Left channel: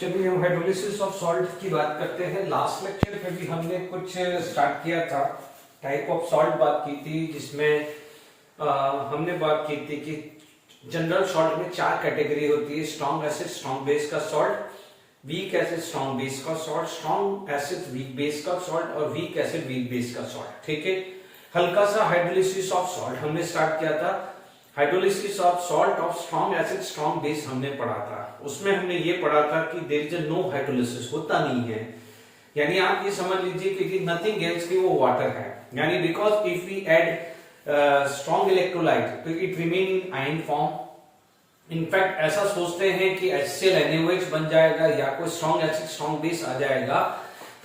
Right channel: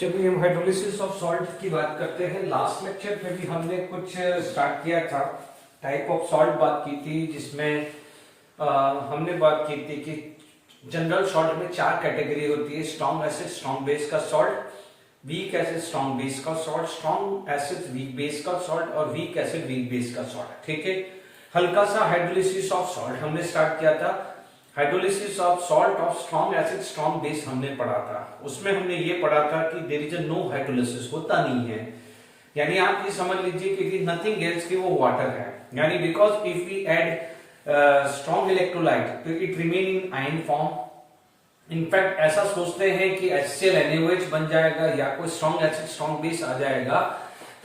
चलिए हम hydrolysis of salt की बात करते हैं। लास्ट लेक्चर में भी हमने कुछ स्टार्ट किया था, टाइप ऑफ सॉल्ट बात की थी, जिसमें हमने बात की थी कि जनरल सॉल्ट में 4 कैटेगरी होती है: स्ट्रॉन्ग एसिड स्ट्रॉन्ग बेस का salt, weak acid strong base का salt, strong acid weak base का सॉल्ट और वीक एसिड वीक बेस का सॉल्ट। ठीक है, हल्का सा हाइड्रोलिसिस ऑफ सॉल्ट हमने स्टार्ट किया था। Hydrolysis of salt of strong acid strong base हमने पढ़ा था। उसमें हमने ये पढ़ा था कि देयर इज नो हाइड्रोलिसिस, होता नहीं है, यानी आप ये समझ लीजिए कि नथिंग एल्स कि वो वाटर है, यानी because if we add strong electrolyte it remain in ion form. In fact ऐसा सोचते हैं कि HCl NaOH बन जाएगा या कोई स्ट्रॉन्ग एसिड स्ट्रॉन्ग बेस आ जाएगा,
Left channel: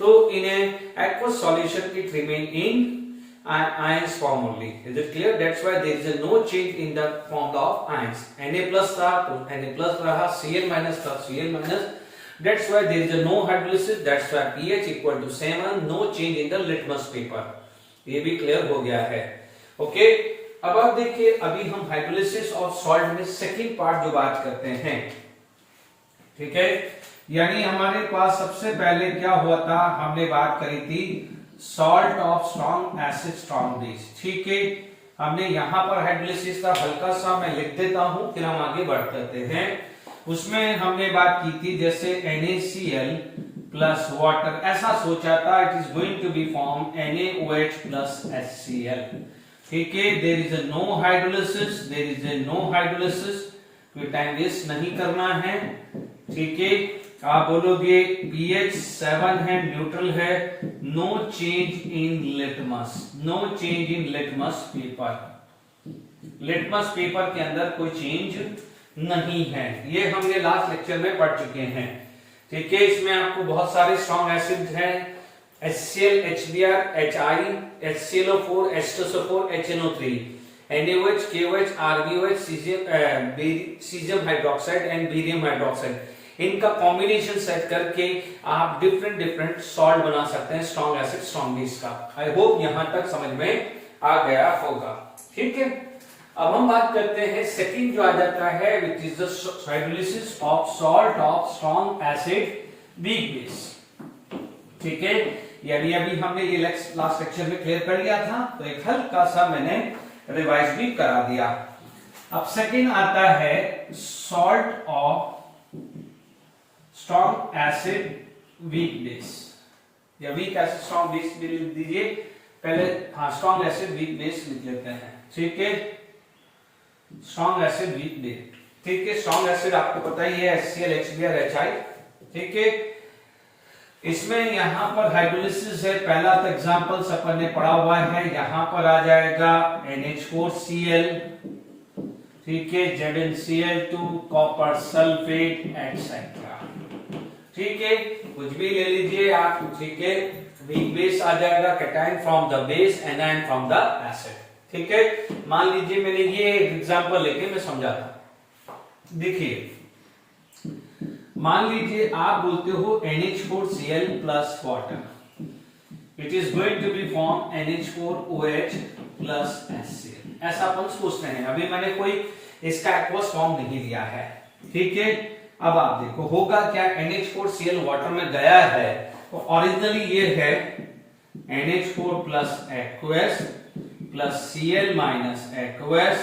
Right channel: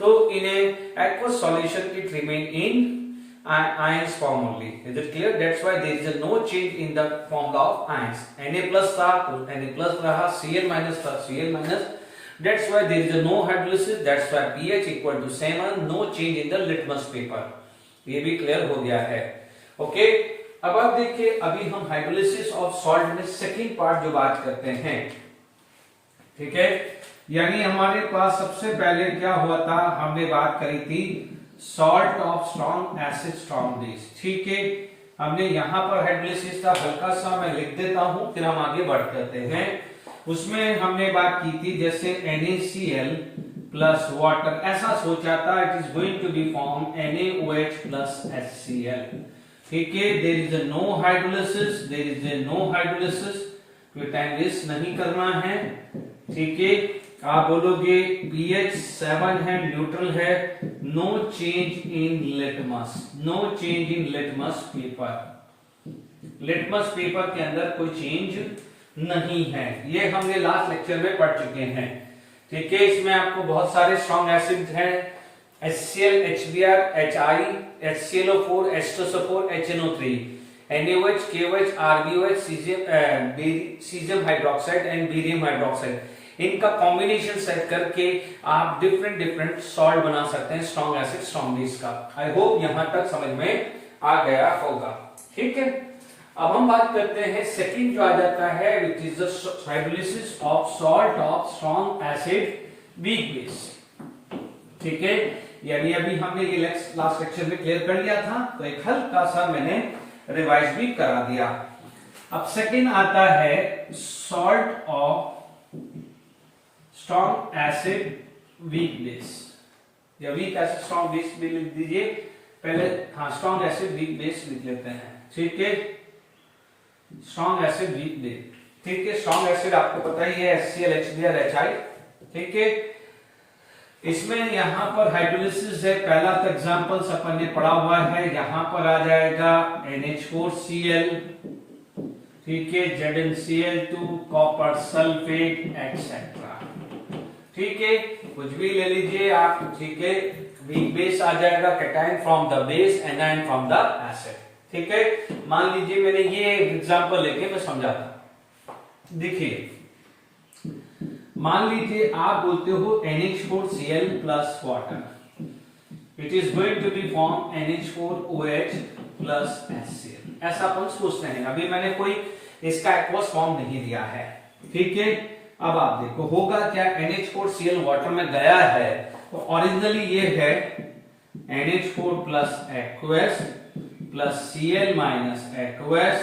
तो in aqueous solution it remain in ions form only. Is it clear? That's why there is no change in the formula of ions. Na plus था तो Na plus रहा, Cl minus था Cl minus. That's why there is no hydrolysis. That's why pH equal to 7. No change in the litmus paper. ये भी clear हो गया है। Okay, अब आप देखिए, अभी हम हाइड्रोलिसिस ऑफ सॉल्ट में सेकंड पार्ट जो बात करते हैं, ठीक है, यानी हमारे पास सबसे पहले क्या हुआ था, हमने बात करी थी salt of strong acid strong base. ठीक है, हमने यहां पर हाइड्रोलिसिस था, हल्का सा मैं लिख देता हूं, फिर हम आगे बढ़ करते हैं। उसमें हमने बात की थी जैसे NaCl प्लस वाटर, ऐसा सोचा था it is going to be form NaOH plus HCl। ठीक है, there is no hydrolysis, there is no hydrolysis, कोई टाइम वेस्ट नहीं करना है। ठीक है, आप बोलोगे pH 7 है, न्यूट्रल है, no change in litmus, no change in litmus paper, litmus paper के अंदर कोई चेंज नहीं है। ये हमने लास्ट लेक्चर में पढ़ चुके हैं। ठीक है, इसमें आपको बहुत सारे स्ट्रॉन्ग एसिड हैं, HCl HBr HI HClO4 H2SO4 HNO3 NaOH KOH RbOH caesium hydroxide and barium hydroxide, इनका कॉम्बिनेशन सेट करके आप डिफरेंट सॉल्ट बना सकते हैं स्ट्रॉन्ग एसिड स्ट्रॉन्ग बेस का। आई होप यहां तक समझ में आ गया होगा। ठीक है, अब हम बात करते हैं सेकंड जो आ जाता है, which is the hydrolysis of salt of strong acid weak base. ठीक है, यानी अभी हमने ये लास्ट लेक्चर में क्लियर कर लिया था, तो एक हल्का सा मैंने रिवाइज भी करा दिया। अब सेकंड आता है salt of strong acid weak base, या वीक एसिड स्ट्रॉन्ग बेस भी लिख दीजिए पहले। हाँ, स्ट्रॉन्ग एसिड वीक बेस लिख लेते हैं। ठीक है, स्ट्रॉन्ग एसिड वीक बेस। ठीक है, स्ट्रॉन्ग एसिड आपको पता ही है HCl HBr HI। ठीक है, इसमें यहां पर हाइड्रोलिसिस है, पहला तो एग्जांपल्स अपन ने पढ़ा हुआ है, यहां पर आ जाएगा NH4Cl, ठीक है, ZnCl2 कॉपर सल्फेट एक्सेट्रा। ठीक है, कुछ भी ले लीजिए आप। ठीक है, वीक बेस आ जाएगा, cation from the base, anion from the acid. ठीक है, मान लीजिए मैंने ये एग्जांपल लेके मैं समझाता। देखिए, मान लीजिए आप बोलते हो NH4Cl plus water, it is going to be form NH4OH plus HCl, ऐसा अपन सोचते हैं। अभी मैंने कोई इसका एक्वस फॉर्म नहीं दिया है। ठीक है, अब आप देखो होगा क्या, NH4Cl वाटर में गया है, तो ओरिजिनली ये है NH4 plus aqueous plus Cl minus aqueous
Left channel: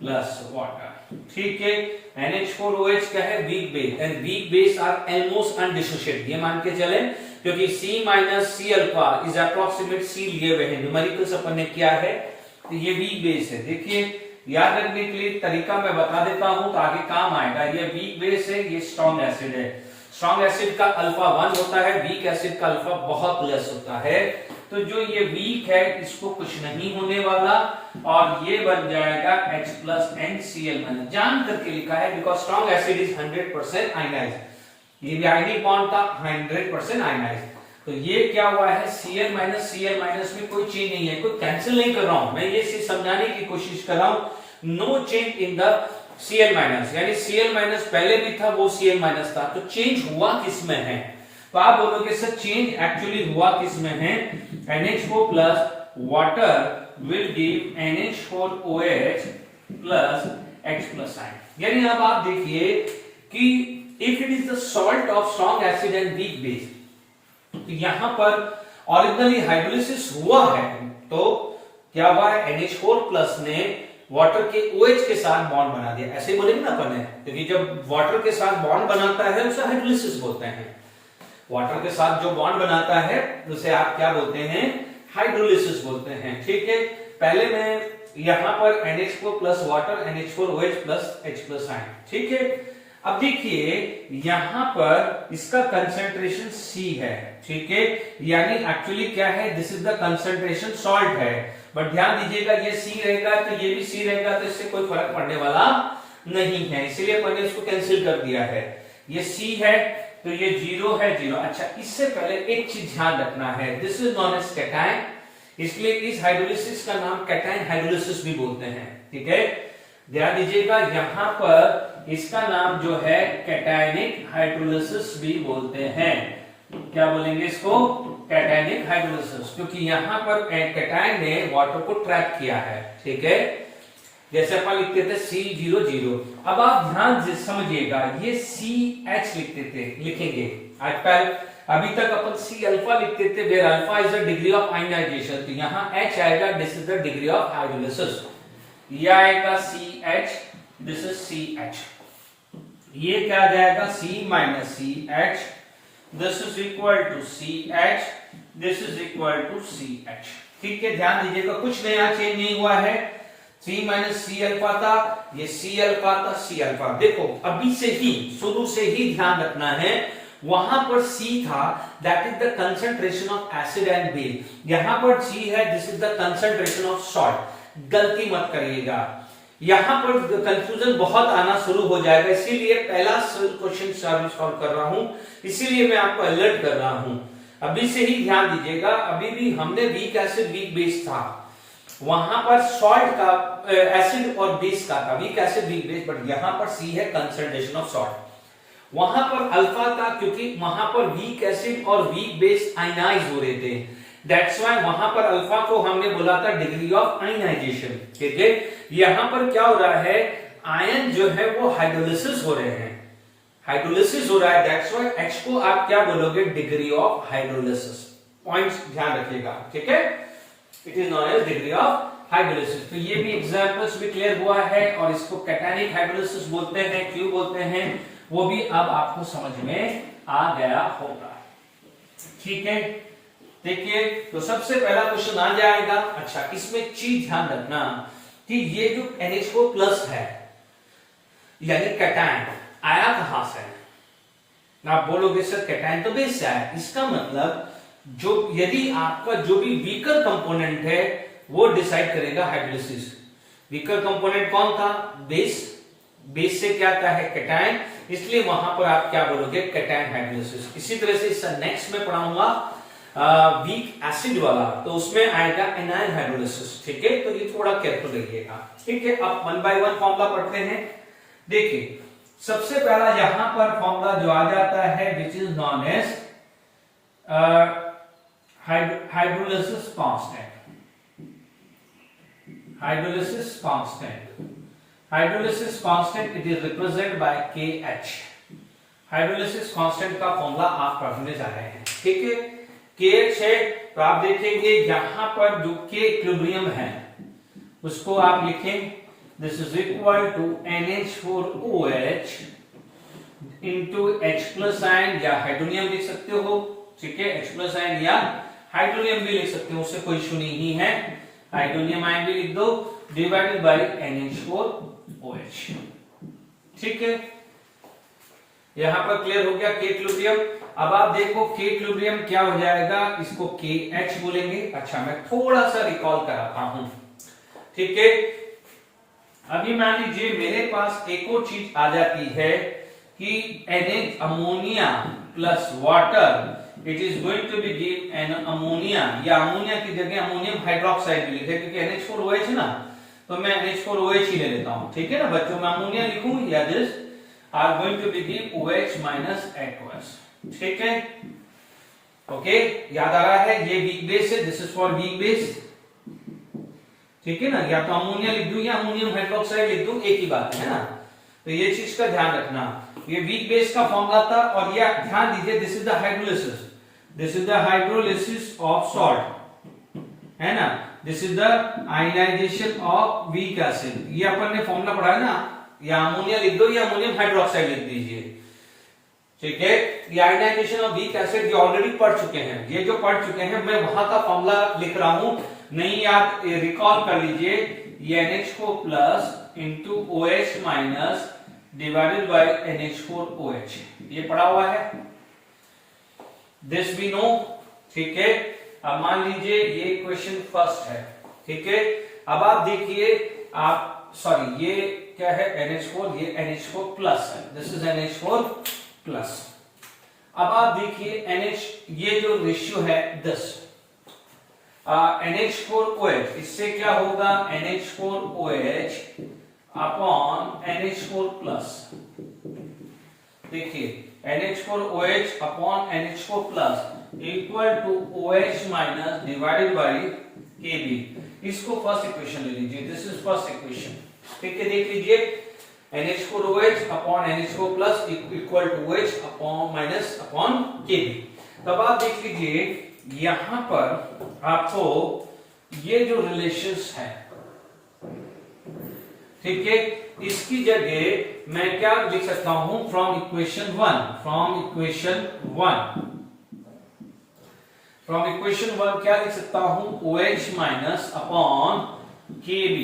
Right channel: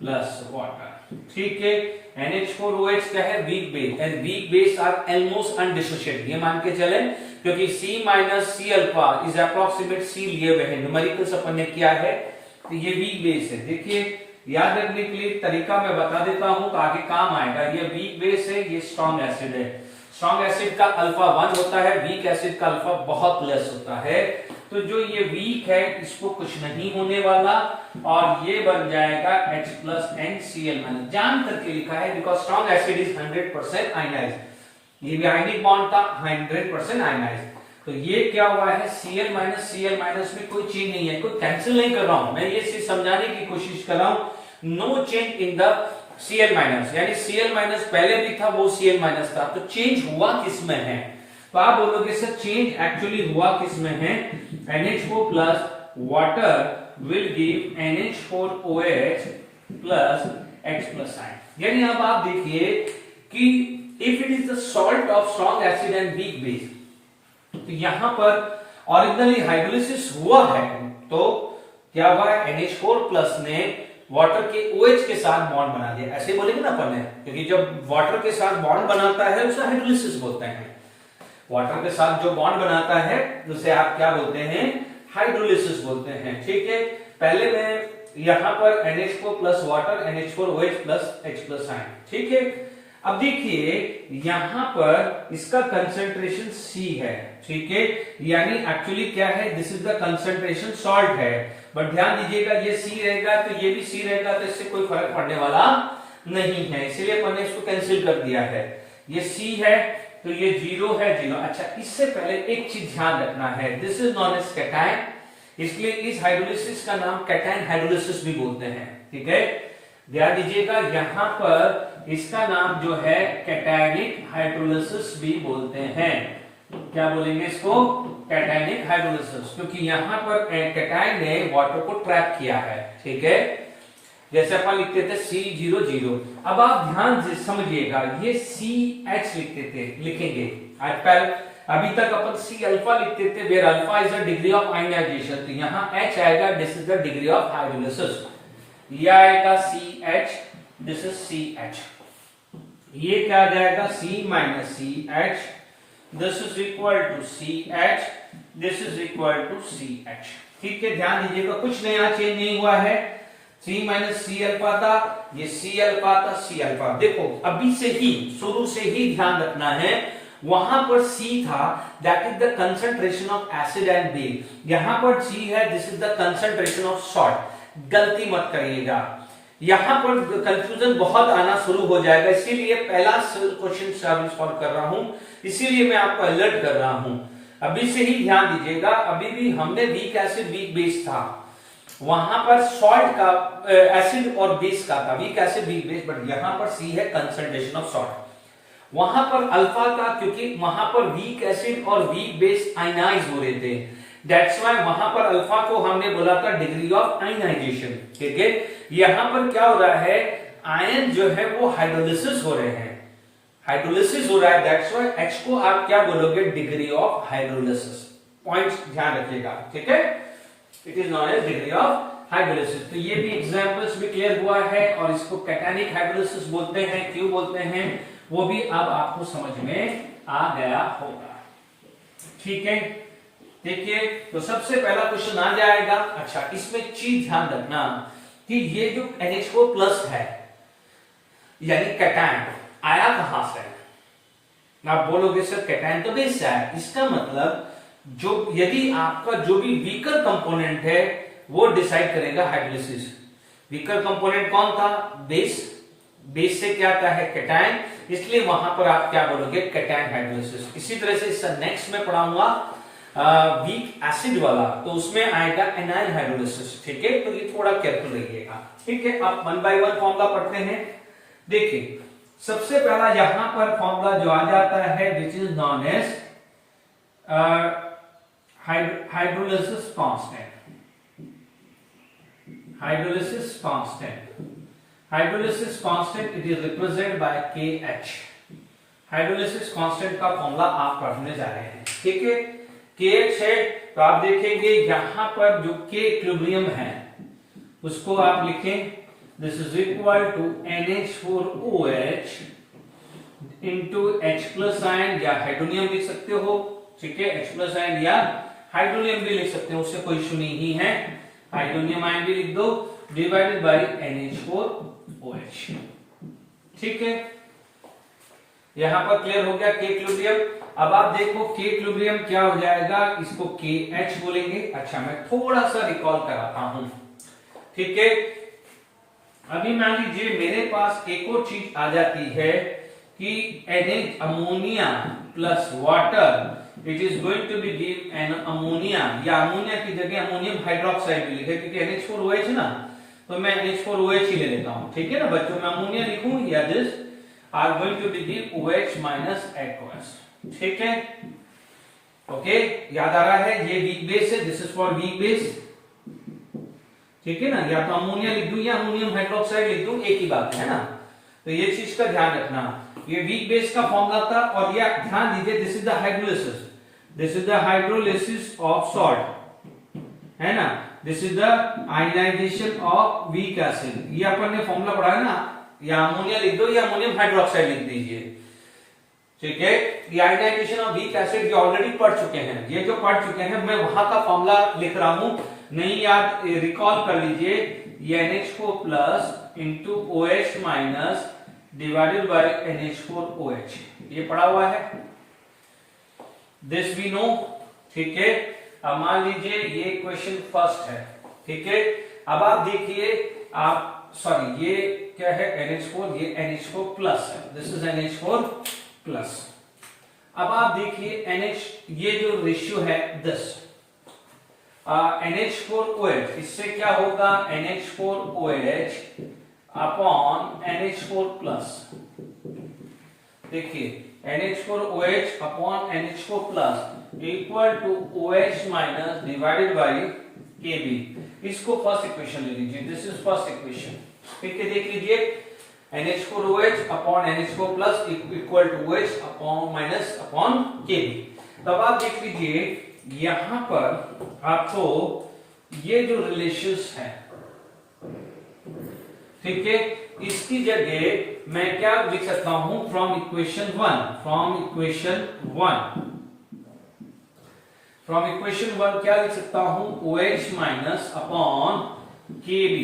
plus water. ठीक है, NH4OH क्या है, weak base, and weak base are almost undissociated, ये मान के चले, क्योंकि C minus C alpha is approximate C लिए हुए हैं, न्यूमेरिकल्स अपन ने किया है, तो ये वीक बेस है। देखिए, याद रखने के लिए तरीका मैं बता देता हूं तो आगे काम आएगा। ये वीक बेस है, ये स्ट्रॉन्ग एसिड है। स्ट्रॉन्ग एसिड का अल्फा 1 होता है, वीक एसिड का अल्फा बहुत लेस होता है। तो जो ये वीक है इसको कुछ नहीं होने वाला, और ये बन जाएगा H प्लस NCl माइनस, जान करके लिखा है, because strong acid is 100% ionised. ये भी आयनिक बॉन्ड था, 100% आयनाइज्ड। तो ये क्या हुआ है, Cl माइनस में कोई चेंज नहीं है, कोई कैंसिल नहीं कर रहा हूं मैं, ये सिर्फ समझाने की कोशिश कर रहा हूं। No change in the Cl minus, यानी Cl माइनस पहले भी था, वो Cl माइनस था, तो चेंज हुआ किसमें है, तो आप बोलोगे सर चेंज एक्चुअली हुआ किसमें है, NH4 plus water will give NH4OH plus H plus ion. यानी अब आप देखिए कि if it is the salt of strong acid and weak base, तो यहां पर ऑरिजिनली हाइड्रोलिसिस हुआ है तो क्या हुआ है, NH4 प्लस ने वाटर के OH के साथ बॉन्ड बना दिया, ऐसे बोलेंगे ना अपन है, क्योंकि जब वाटर के साथ बॉन्ड बनाता है उसे हाइड्रोलिसिस बोलते हैं। वाटर के साथ जो बॉन्ड बनाता है उसे आप क्या बोलते हैं, हाइड्रोलिसिस बोलते हैं। ठीक है, पहले मैं यहां पर NH4 plus water, NH4OH plus H plus ion. ठीक है, अब देखिए यहां पर इसका कंसंट्रेशन C है। ठीक है, यानी एक्चुअली क्या है, this is the concentration salt है, बट ध्यान दीजिएगा ये C रहेगा तो ये भी C रहेगा, तो इससे कोई फर्क पड़ने वाला नहीं है, इसलिए अपन ने इसको कैंसिल कर दिया है। ये C है तो ये 0 है, 0। अच्छा, इससे पहले एक चीज ध्यान रखना है, this is known as cation, इसलिए इस हाइड्रोलिसिस का नाम कैटायन हाइड्रोलिसिस भी बोलते हैं। ठीक है, ध्यान दीजिएगा यहां पर इसका नाम जो है कैटायनिक हाइड्रोलिसिस भी बोलते हैं। क्या बोलेंगे इसको, कैटायनिक हाइड्रोलिसिस, क्योंकि यहां पर कैटायन ने वाटर को ट्रैप किया है। ठीक है, जैसे अपन लिखते थे C00। अब आप ध्यान से समझिएगा, ये CH लिखेंगे आजकल, अभी तक अपन C अल्फा लिखते थे, where alpha is the degree of ionization, तो यहां H आएगा, this is the degree of hydrolysis. ये आएगा CH, दिस इज CH। ये क्या आ जाएगा, C minus CH, this is equal to CH, this is equal to CH। ठीक है, ध्यान दीजिएगा कुछ नया चेंज नहीं हुआ है, C माइनस C अल्फा था, ये C अल्फा था, C अल्फा। देखो अभी से ही, शुरू से ही ध्यान रखना है, वहां पर C था, that is the concentration of acid and base, यहां पर C है, this is the concentration of salt. गलती मत करिएगा, यहां पर कंफ्यूजन बहुत आना शुरू हो जाएगा, इसीलिए पहला क्वेश्चन सॉल्व कर रहा हूं, इसीलिए मैं आपको अलर्ट कर रहा हूं। अभी से ही ध्यान दीजिएगा, अभी भी हमने वीक एसिड वीक बेस था, वहां पर सॉल्ट का एसिड और बेस का था, week acid weak base, but यहां पर C है कंसंट्रेशन ऑफ सॉल्ट। वहां पर अल्फा था क्योंकि वहां पर वीक एसिड और वीक बेस आयनाइज हो रहे थे, दैट्स व्हाई वहां पर अल्फा को हमने बोला था डिग्री ऑफ आयनाइजेशन। ठीक है, यहां पर क्या हो रहा है, आयन जो है वो हाइड्रोलिसिस हो रहे हैं, हाइड्रोलिसिस हो रहा है, दैट्स व्हाई H को आप क्या बोलोगे, डिग्री ऑफ हाइड्रोलिसिस। पॉइंट्स ध्यान रखिएगा। ठीक है, it is known as degree of hydrolysis. तो ये भी एग्जांपल्स भी क्लियर हुआ है, और इसको कैटायनिक हाइड्रोलिसिस बोलते हैं, क्यों बोलते हैं वो भी अब आपको समझ में आ गया होगा। ठीक है, देखिए तो सबसे पहला क्वेश्चन आ जाएगा। अच्छा, इसमें चीज ध्यान रखना कि ये जो NH4 प्लस है यानी कैटायन आया कहां से, आप बोलोगे सर कैटायन तो बेस से आया, इसका मतलब जो यदि आपका जो भी वीकर कंपोनेंट है वो डिसाइड करेगा हाइड्रोलिसिस। वीकर कंपोनेंट कौन था, बेस, बेस से क्या आता है, कैटायन, इसलिए वहां पर आप क्या बोलोगे, कैटायन हाइड्रोलिसिस। इसी तरह से इसका नेक्स्ट में पढ़ाऊंगा वीक एसिड वाला, तो उसमें आएगा एनायन हाइड्रोलिसिस। ठीक है, तो ये थोड़ा केयरफुल रहिएगा। ठीक है, अब 1 बाय 1 फॉर्मूला पढ़ते हैं। देखिए सबसे पहला यहां पर फॉर्मूला जो आ जाता है, which is known as hydrolysis constant. Hydrolysis constant, hydrolysis constant it is represented by KH। Hydrolysis constant का फॉर्मूला आप पढ़ने जा रहे हैं। ठीक है, KH है, तो आप देखेंगे यहां पर जो K इक्विलिब्रियम है उसको आप लिखें, this is equal to NH4OH into H plus ion, या हाइड्रोनियम लिख सकते हो। ठीक है, H प्लस आयन या हाइड्रोनियम भी लिख सकते हो, उससे कोई इशू नहीं है, हाइड्रोनियम आयन भी लिख दो, डिवाइडेड बाय NH4OH। ठीक है, यहां पर क्लियर हो गया K इक्विलिब्रियम। अब आप देखो K इक्विलिब्रियम क्या हो जाएगा, इसको KH बोलेंगे। अच्छा, मैं थोड़ा सा रिकॉल कराता हूं। ठीक है, अभी मान लीजिए मेरे पास एक और चीज आ जाती है कि NH ammonia plus water, it is going to be give an ammonia, या अमोनिया की जगह अमोनियम हाइड्रोक्साइड भी लिखे, क्योंकि NH4OH है ना, तो मैं NH4OH ही ले लेता हूं। ठीक है ना बच्चों, मैं अमोनिया लिखूं, या this are going to be give OH minus aqueous। ठीक है, ओके, याद आ रहा है, ये वीक बेस है, this is for weak base. ठीक है ना, या तो अमोनिया लिख दूं या अमोनियम हाइड्रोक्साइड लिख दूं, एक ही बात है ना, तो ये चीज का ध्यान रखना। ये वीक बेस का फॉर्मूला था और ये ध्यान दीजिए this is the hydrolysis, this is the hydrolysis of salt, है ना। This is the ionization of weak acid. ये अपन ने फॉर्मूला पढ़ा है ना, या अमोनिया लिख दो या अमोनियम हाइड्रोक्साइड लिख दीजिए, ठीक है। ये आयनाइजेशन ऑफ वीक एसिड ये ऑलरेडी पढ़ चुके हैं, ये जो पढ़ चुके हैं मैं वहां का फॉर्मूला लिख रहा हूं, नहीं याद रिकॉल कर लीजिए। ये NH4 plus into OH minus divided bye NH4OH, ये पढ़ा हुआ है, दिस वी नो, ठीक है। अब मान लीजिए ये क्वेश्चन फर्स्ट है, ठीक है। अब आप देखिए, आप सॉरी ये क्या है NH4, ये NH4 प्लस है, दिस इज NH4 प्लस। अब आप देखिए NH, ये जो रेशियो है 10, NH4OH, इससे क्या होगा NH4OH अपॉन NH4 प्लस। देखिए NH4OH upon NH4 plus equal to OH minus divided by Kb। इसको फर्स्ट इक्वेशन ले लीजिए, दिस इज फर्स्ट इक्वेशन, ठीक है। देख लीजिए NH4OH upon NH4 plus equal to OH upon minus upon Kb। तब आप देख लीजिए यहां पर आपको ये जो रिलेशंस है, ठीक है, इसकी जगह मैं क्या लिख सकता हूं, फ्रॉम इक्वेशन 1 क्या लिख सकता हूं, OH minus upon Kb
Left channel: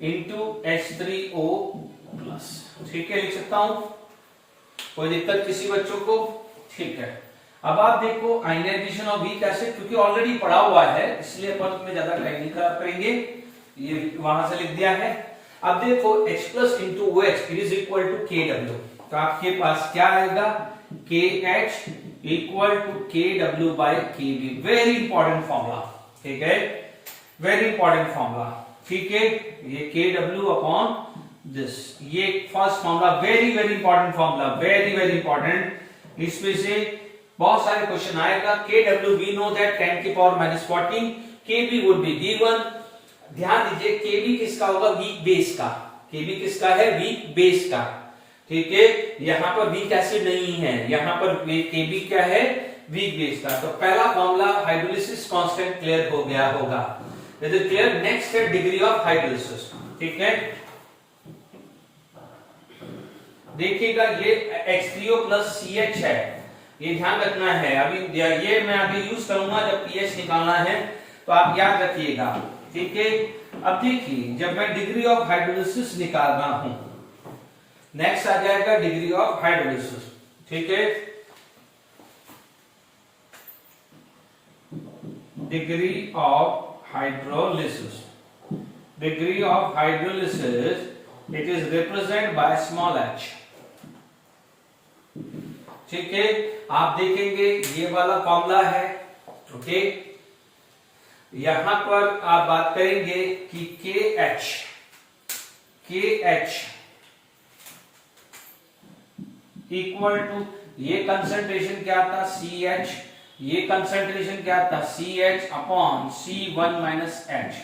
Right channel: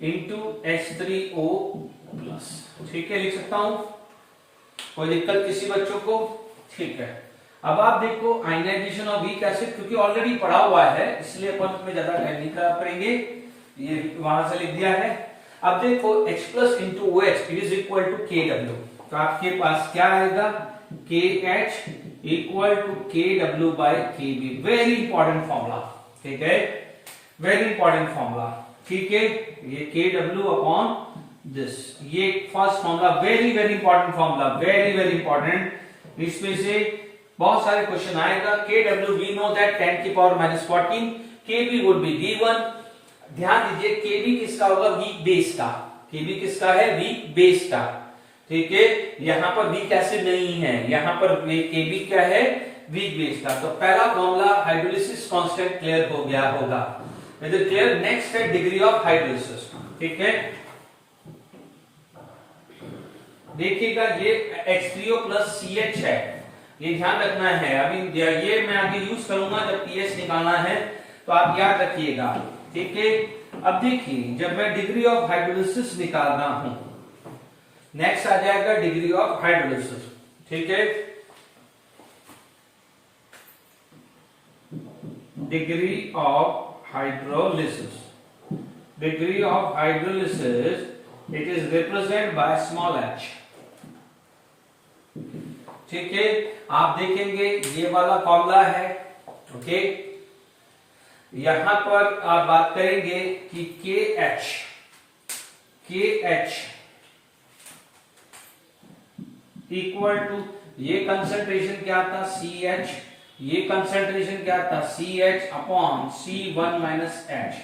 into H3O plus, ठीक है, लिख सकता हूं। कोई दिक्कत किसी बच्चों को, ठीक है। अब आप देखो आयनाइजेशन ऑफ वीक एसिड, क्योंकि ऑलरेडी पढ़ा हुआ है इसलिए अपन उसमें ज्यादा टाइम नहीं खराब करेंगे, ये वहां से लिख दिया है। अब देखो H plus into OH is equal to KW, तो आपके पास क्या आएगा, KH equal to KW by KB। Very important formula, ठीक है, वेरी इंपॉर्टेंट फॉर्मूला, ठीक है। ये KW अपॉन दिस, ये first formula, very very important formula, very very important. इसमें से बहुत सारे क्वेश्चन आएगा। KW वी नो दैट 10 की power minus 14, KB would be given. ध्यान दीजिए KB किसका होगा, वीक बेस का, KB किसका है, वीक बेस का, ठीक है। यहां पर वीक एसिड नहीं है, यहां पर KB क्या है, वीक बेस का। तो पहला फॉर्मूला हाइड्रोलिसिस कांस्टेंट क्लियर हो गया होगा, क्लियर। नेक्स्ट है डिग्री ऑफ हाइड्रोलिसिस, ठीक है। देखिएगा ये H3O प्लस CH है, ये ध्यान रखना है। अभी ये मैं आगे यूज करूंगा जब pH निकालना है, तो आप याद रखिएगा, ठीक है। अब देखिए जब मैं डिग्री ऑफ हाइड्रोलिसिस निकाल रहा हूं, नेक्स्ट आ जाएगा डिग्री ऑफ हाइड्रोलिसिस, ठीक है। Degree of hydrolysis, degree of hydrolysis it is represent by small h, ठीक है। आप देखेंगे ये वाला फॉर्मूला है, ओके। यहां पर आप बात करेंगे कि KH इक्वल टू, ये कंसंट्रेशन क्या था CH, ये कंसंट्रेशन क्या था CH upon C1 minus H,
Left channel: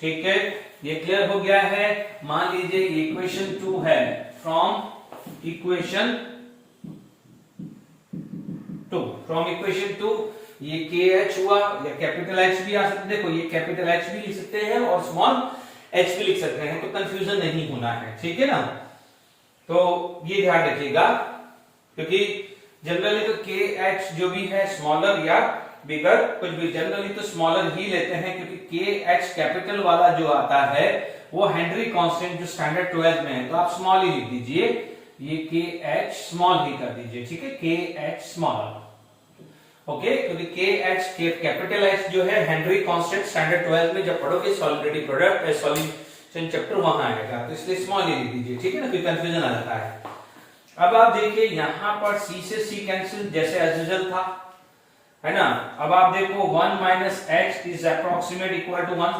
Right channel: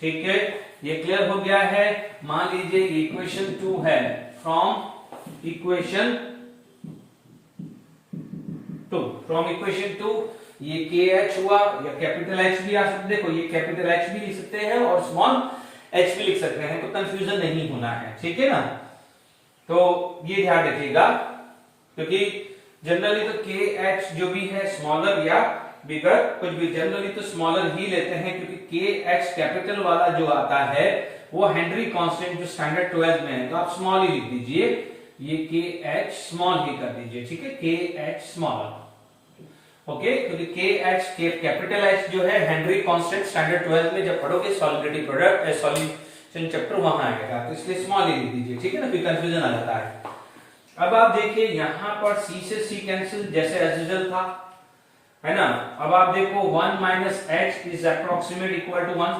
ठीक है। ये क्लियर हो गया है। मान लीजिए इक्वेशन 2 है, फ्रॉम इक्वेशन 2 ये KH हुआ, या कैपिटल H भी आ सकते, देखो ये कैपिटल H भी लिख सकते हैं और स्मॉल h भी लिख सकते हैं, तो कंफ्यूजन नहीं होना है, ठीक है ना। तो ये ध्यान रखिएगा, क्योंकि जनरली तो KH जो भी है स्मॉलर या बिगर, कुछ भी जनरली तो स्मॉलर ही लेते हैं, क्योंकि KH कैपिटल वाला जो आता है वो हेनरी कांस्टेंट जो स्टैंडर्ड 12 में है, तो आप स्मॉल ही लिख दीजिए, ये KH स्मॉल ही कर दीजिए, ठीक है, KH स्मॉल, ओके। क्योंकि KH कैपिटल H जो है हेनरी कांस्टेंट स्टैंडर्ड 12 में जब पढ़ोगे सॉलिडिटी प्रोडक्ट सॉल्यूशन चैप्टर वहां आएगा, तो इसलिए स्मॉल ही लिख दीजिए, ठीक है ना, फिर कंफ्यूजन आ जाता है। अब आप देखिए यहां पर C से C कैंसिल जैसे एज यूजुअल था, है ना। अब आप देखो 1 minus H is approximate equal to 1,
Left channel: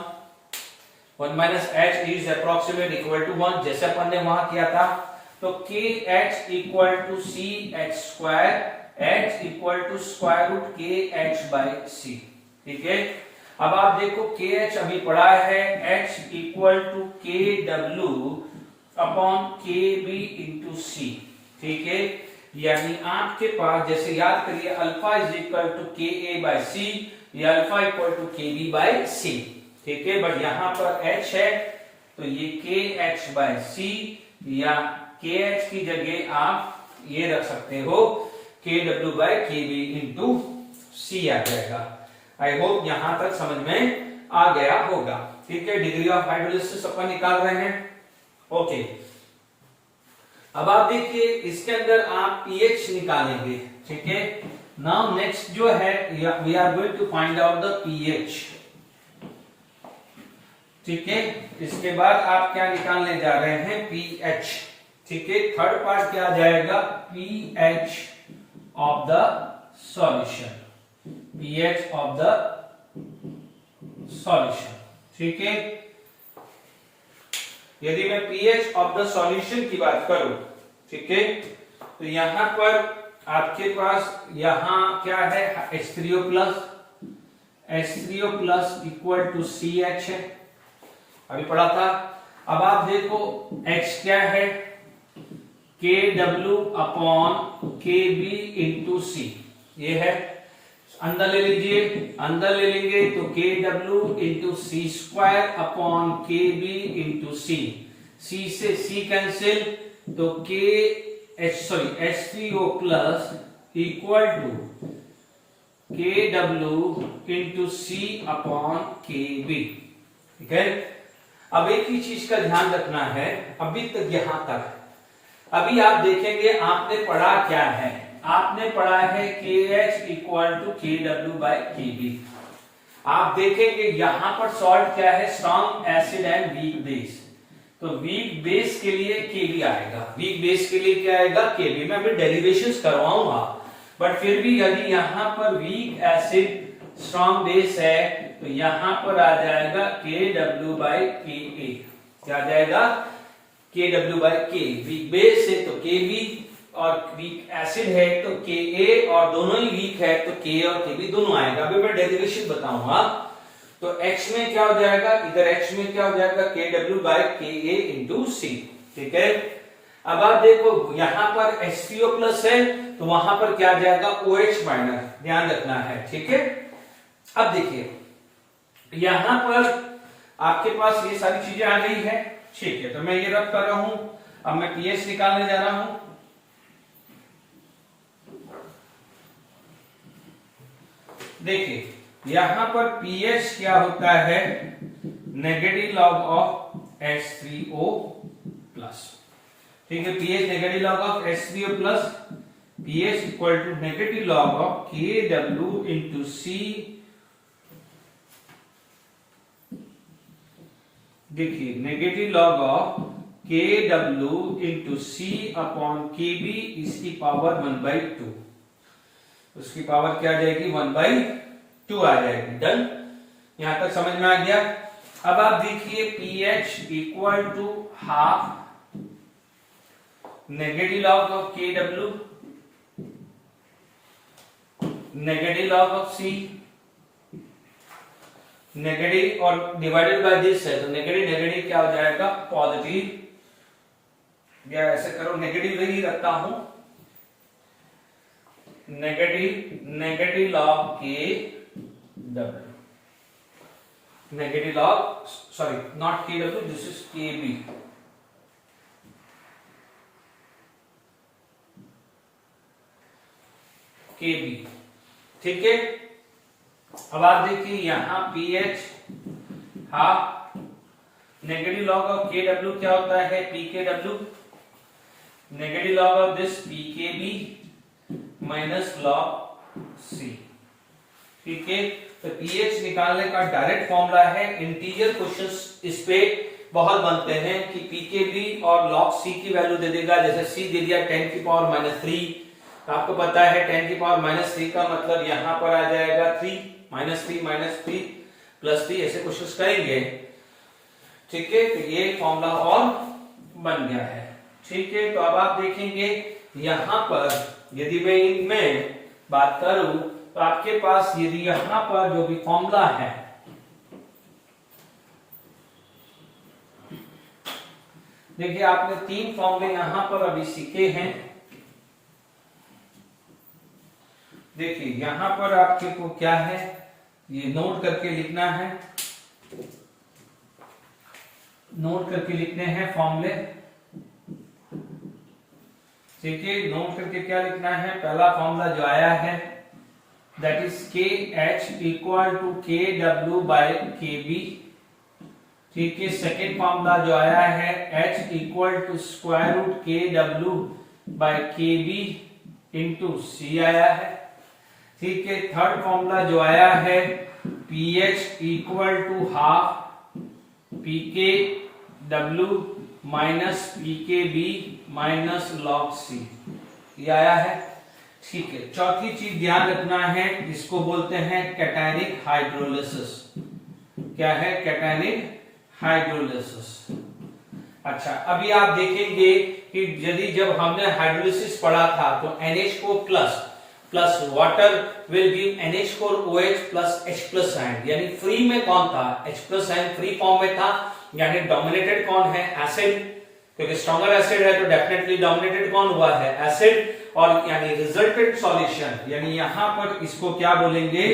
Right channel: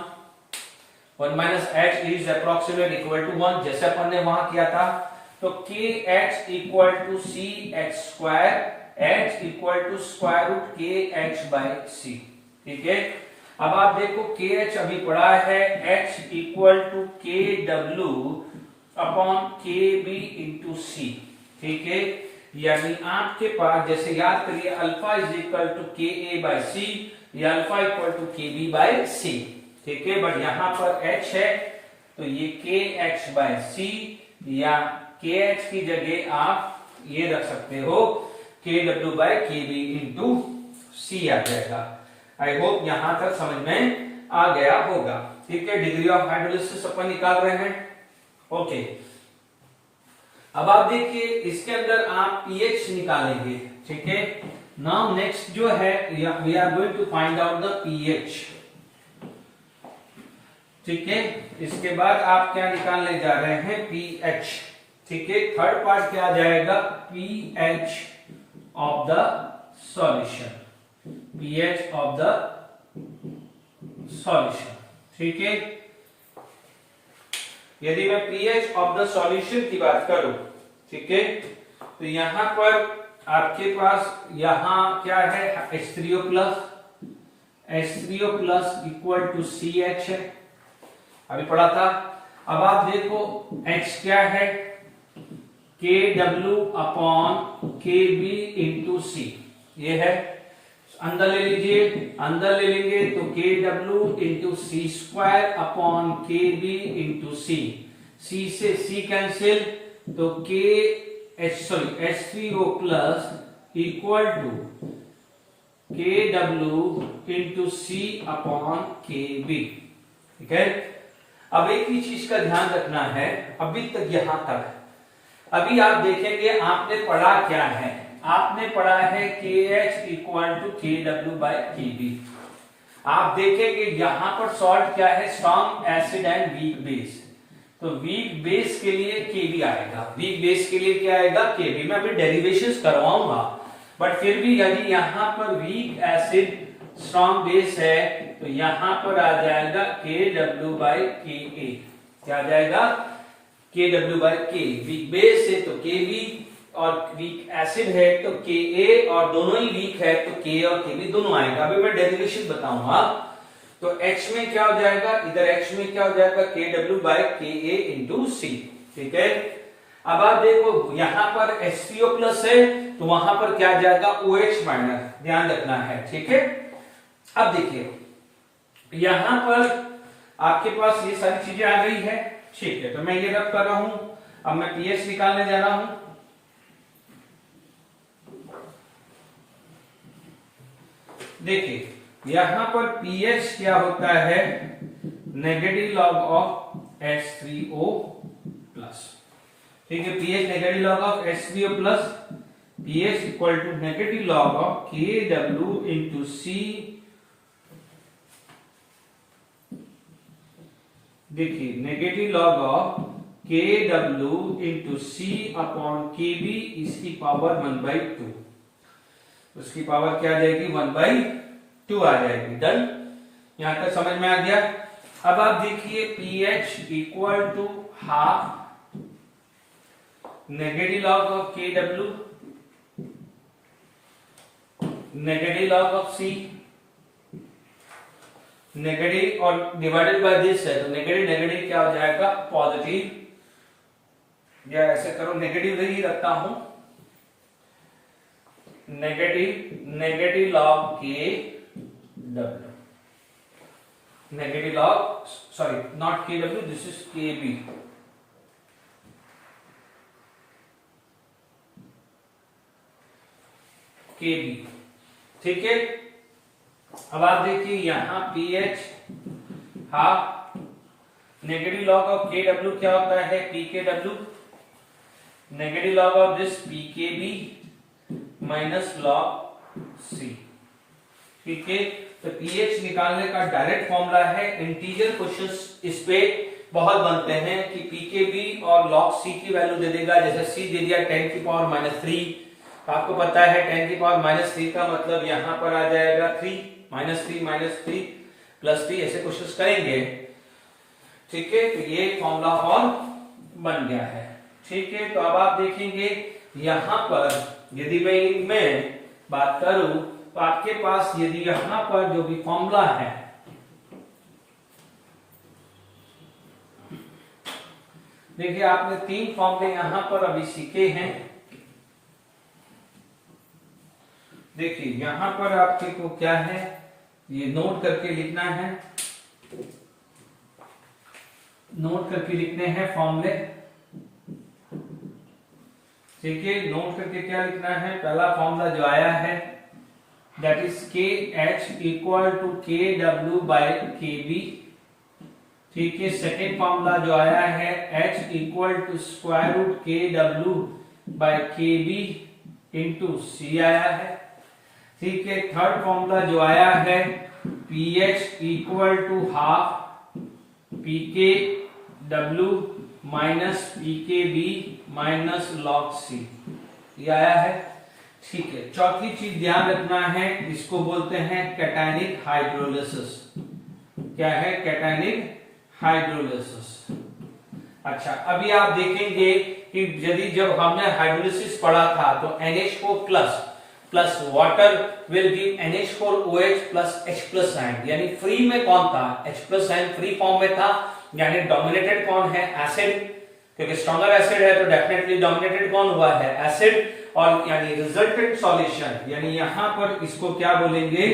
1 minus H is approximate equal to 1, जैसे अपन ने वहां किया था। तो KH equal to CH square, H equal to square root KH by C, ठीक है। अब आप देखो KH अभी पढ़ा है, H equal to KW upon KB into C, ठीक है, यानी आपके पास जैसे याद करिए अल्फा इज इक्वल टू के ए बाय सी या अल्फा इक्वल टू के बी बाय सी, ठीक है। बट यहां पर एच है तो ये के एच बाय सी या के एच की जगह आप ये रख सकते हो के W by K B into सी आ जाएगा। आई होप यहां तक समझ में आ गया होगा, ठीक है। डिग्री ऑफ हाइड्रोलिसिस अपन निकाल रहे हैं, ओके। अब आप देखिए इसके अंदर आप पीएच निकालेंगे, ठीक है। नाउ नेक्स्ट जो है we are going to find out the pH, ठीक है। इसके बाद आप क्या निकालने जा रहे हैं, पीएच, ठीक है। थर्ड पार्ट क्या आ जाएगा, pH of the solution, pH of the solution, ठीक है। यदि मैं पीएच ऑफ द सॉल्यूशन की बात करूं, ठीक है, तो यहां पर आपके पास यहां क्या है, H3O plus equal to CH है, अभी पढ़ा था। अब आप देखो H क्या है, KW upon KB into C, ये है। अंदर ले लीजिए, अंदर ले लेंगे तो KW into C square upon KB into C, C से C कैंसिल तो H3O plus equal to KW into C upon KB, ठीक है। अब एक ही चीज का ध्यान रखना है, अभी तक यहां तक, अभी आप देखेंगे आपने पढ़ा क्या है, आपने पढ़ा है KH equal to KW by KB। आप देखेंगे यहां पर सॉल्ट क्या है, strong acid and weak base, तो वीक बेस के लिए KB आएगा, वीक बेस के लिए क्या आएगा, KB। मैं अभी डेरिवेशंस करवाऊंगा, बट फिर भी यदि यहां पर वीक एसिड स्ट्रॉन्ग बेस है तो यहां पर आ जाएगा KW बाय KA, क्या आ जाएगा, KW by K। Weak base है तो KB और वीक एसिड है तो Ka, और दोनों ही वीक है तो K और Kb दोनों आएगा। अभी मैं डेरिवेशन बताऊंगा। तो H में क्या हो जाएगा, इधर H में क्या हो जाएगा, KW by Ka into C, ठीक है। अब आप देखो यहां पर H3O प्लस है तो वहां पर क्या जाएगा, OH माइनस, ध्यान रखना है, ठीक है। अब देखिए यहां पर आपके पास ये सारी चीजें आ गई है, ठीक है। तो मैं ये रख कर रहा हूं, अब मैं पीएच निकालने जा रहा हूं। देखिए यहां पर पीएच क्या होता है, negative log of H3O plus, ठीक है। PH negative log of H3O plus, pH equal to negative log of KW into C। देखिए negative log of KW into C upon KB इसकी पावर 1/2, उसकी पावर क्या आ जाएगी, 1/2 आ जाएगी। डन, यहां तक समझ में आ गया। अब आप देखिए pH equal to half negative log of KW negative log of C, negative और डिवाइडेड बाय दिस है तो नेगेटिव नेगेटिव क्या हो जाएगा, पॉजिटिव, या ऐसे करो नेगेटिव ही रखता हूं, negative log KW, negative log, sorry not KW, this is KB, ठीक है। अब आप देखिए यहां pH half negative log of KW क्या होता है, PKW, negative log of this PKB minus log C, ठीक है। तो पीएच निकालने का डायरेक्ट फॉर्मूला है, इंटीजर क्वेश्चंस इस पे बहुत बनते हैं कि PKB और log C की वैल्यू दे देगा, जैसे C दे दिया 10⁻³ तो आपको पता है 10⁻³ का मतलब यहां पर आ जाएगा 3 -3 +3 ऐसे क्वेश्चंस करेंगे, ठीक है। तो ये फॉर्मूला और बन गया है, ठीक है। तो अब आप देखेंगे यहां पर यदि मैं इनमें बात करूं तो आपके पास यदि यहां पर जो भी फॉर्मूला है, देखिए आपने 3 फॉर्मूले यहां पर अभी सीखे हैं, देखिए यहां पर आपके को क्या है, ये नोट करके लिखना है, नोट करके लिखने हैं फॉर्मूले। ठीक है, नोट करके क्या लिखना है, पहला फॉर्मूला जो आया है that is K H equal to K W by K B. ठीक है, सेकेंड फॉर्मूला जो आया है H equal to square root K W by K B into C आया है। ठीक है, थर्ड फॉर्मूला जो आया है P H equal to half P K W minus P K B minus log C, ये आया है। ठीक है, चौथी चीज ध्यान रखना है, इसको बोलते हैं कैटायनिक हाइड्रोलिसिस। क्या है, कैटायनिक हाइड्रोलिसिस। अच्छा, अभी आप देखेंगे कि यदि जब हमने हाइड्रोलिसिस पढ़ा था तो NH4 plus water will give NH4 OH plus H plus ion, यानी फ्री में कौन था, H plus ion free form में था, यानी डोमिनेटेड कौन है, एसिड, क्योंकि स्ट्रॉन्गर एसिड है तो डेफिनेटली डोमिनेटेड कौन हुआ है, एसिड। और यानी रिजल्टेंट सॉल्यूशन, यानी यहां पर इसको क्या बोलेंगे,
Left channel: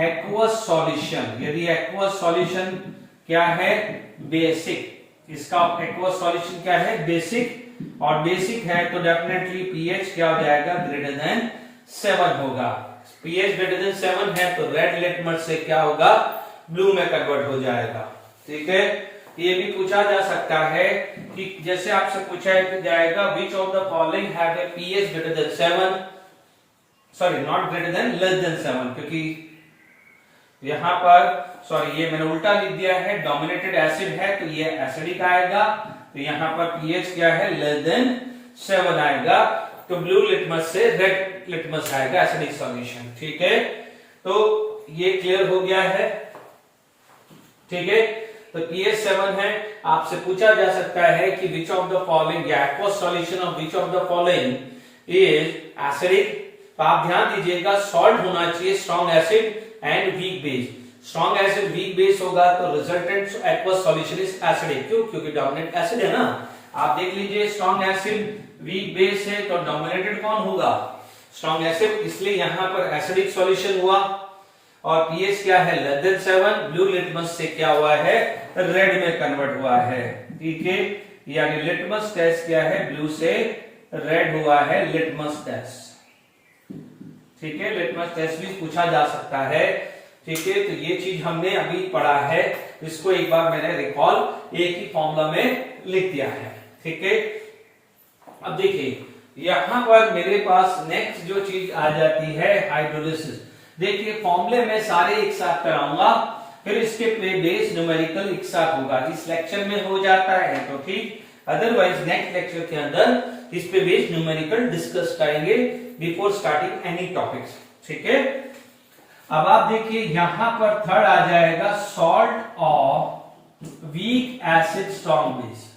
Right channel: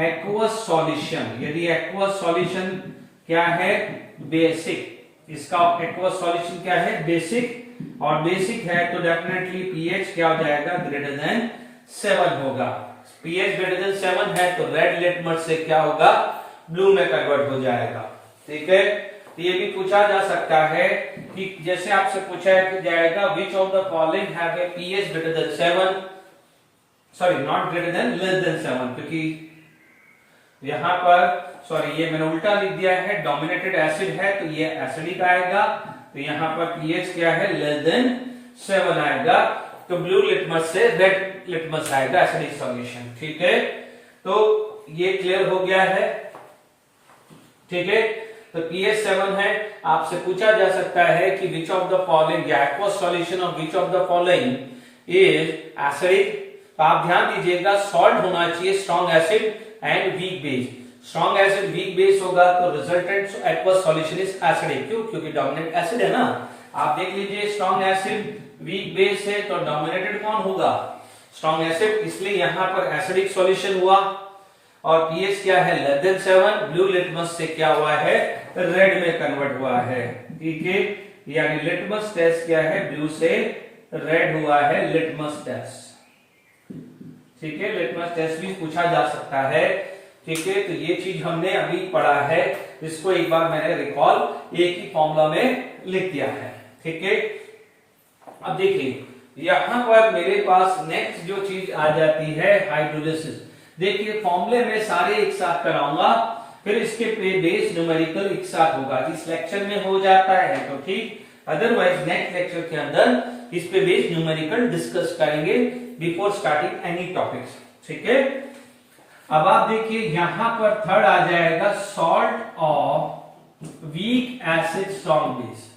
एक्वस सॉल्यूशन। यदि एक्वस सॉल्यूशन क्या है, बेसिक, इसका एक्वस सॉल्यूशन क्या है, बेसिक, और बेसिक है तो डेफिनेटली पीएच क्या हो जाएगा, ग्रेटर देन 7 होगा। पीएच ग्रेटर देन 7 है तो रेड लिटमस से क्या होगा, ब्लू में कन्वर्ट हो जाएगा। ठीक है, ये भी पूछा जा सकता है कि जैसे आपसे पूछा जाएगा which of the following have a pH greater than 7, sorry not greater than, less than 7, क्योंकि यहां पर सॉरी ये मैंने उल्टा लिख दिया है, डोमिनेटेड एसिड है तो ये एसिडिक आएगा, तो यहां पर पीएच क्या है, लेस देन 7 आएगा, तो ब्लू लिटमस से रेड लिटमस आएगा, एसिडिक सॉल्यूशन। ठीक है, तो ये क्लियर हो गया है। ठीक है, तो pH 7 है, आपसे पूछा जा सकता है कि विच ऑफ द फॉलोइंग, या aqueous solution of which of the following is acidic. तो आप ध्यान दीजिएगा, सॉल्ट होना चाहिए strong acid and weak base. Strong acid weak base होगा तो resultant aqueous solution is acidic. क्यों, क्योंकि डोमिनेट एसिड है ना। आप देख लीजिए, स्ट्रॉन्ग एसिड वीक बेस है तो डोमिनेटेड कौन होगा, स्ट्रॉन्ग एसिड, इसलिए यहां पर एसिडिक सॉल्यूशन हुआ। और पीएच क्या है, लेस देन 7, ब्लू लिटमस से क्या हुआ है, रेड में कन्वर्ट हुआ है। ठीक है, यानी लिटमस टेस्ट क्या है, ब्लू से रेड हुआ है, लिटमस टेस्ट। ठीक है, लिटमस टेस्ट भी पूछा जा सकता है। ठीक है, तो ये चीज हमने अभी पढ़ा है, इसको एक बार मैंने रिकॉल एक ही फॉर्मूला में लिख दिया है। ठीक है, अब देखिए यहां पर मेरे पास नेक्स्ट जो चीज आ जाती है, हाइड्रोलिसिस। देखिए फॉर्मूले में सारे एक साथ कराऊंगा, फिर इसके बेस न्यूमेरिकल एक साथ होगा। इस लेक्चर में हो जाता है तो ठीक, अदरवाइज नेक्स्ट लेक्चर के अंदर इस पे बेस न्यूमेरिकल डिस्कस करेंगे बिफोर स्टार्टिंग एनी टॉपिक्स। ठीक है, अब आप देखिए यहां पर थर्ड आ जाएगा, salt of weak acid strong base,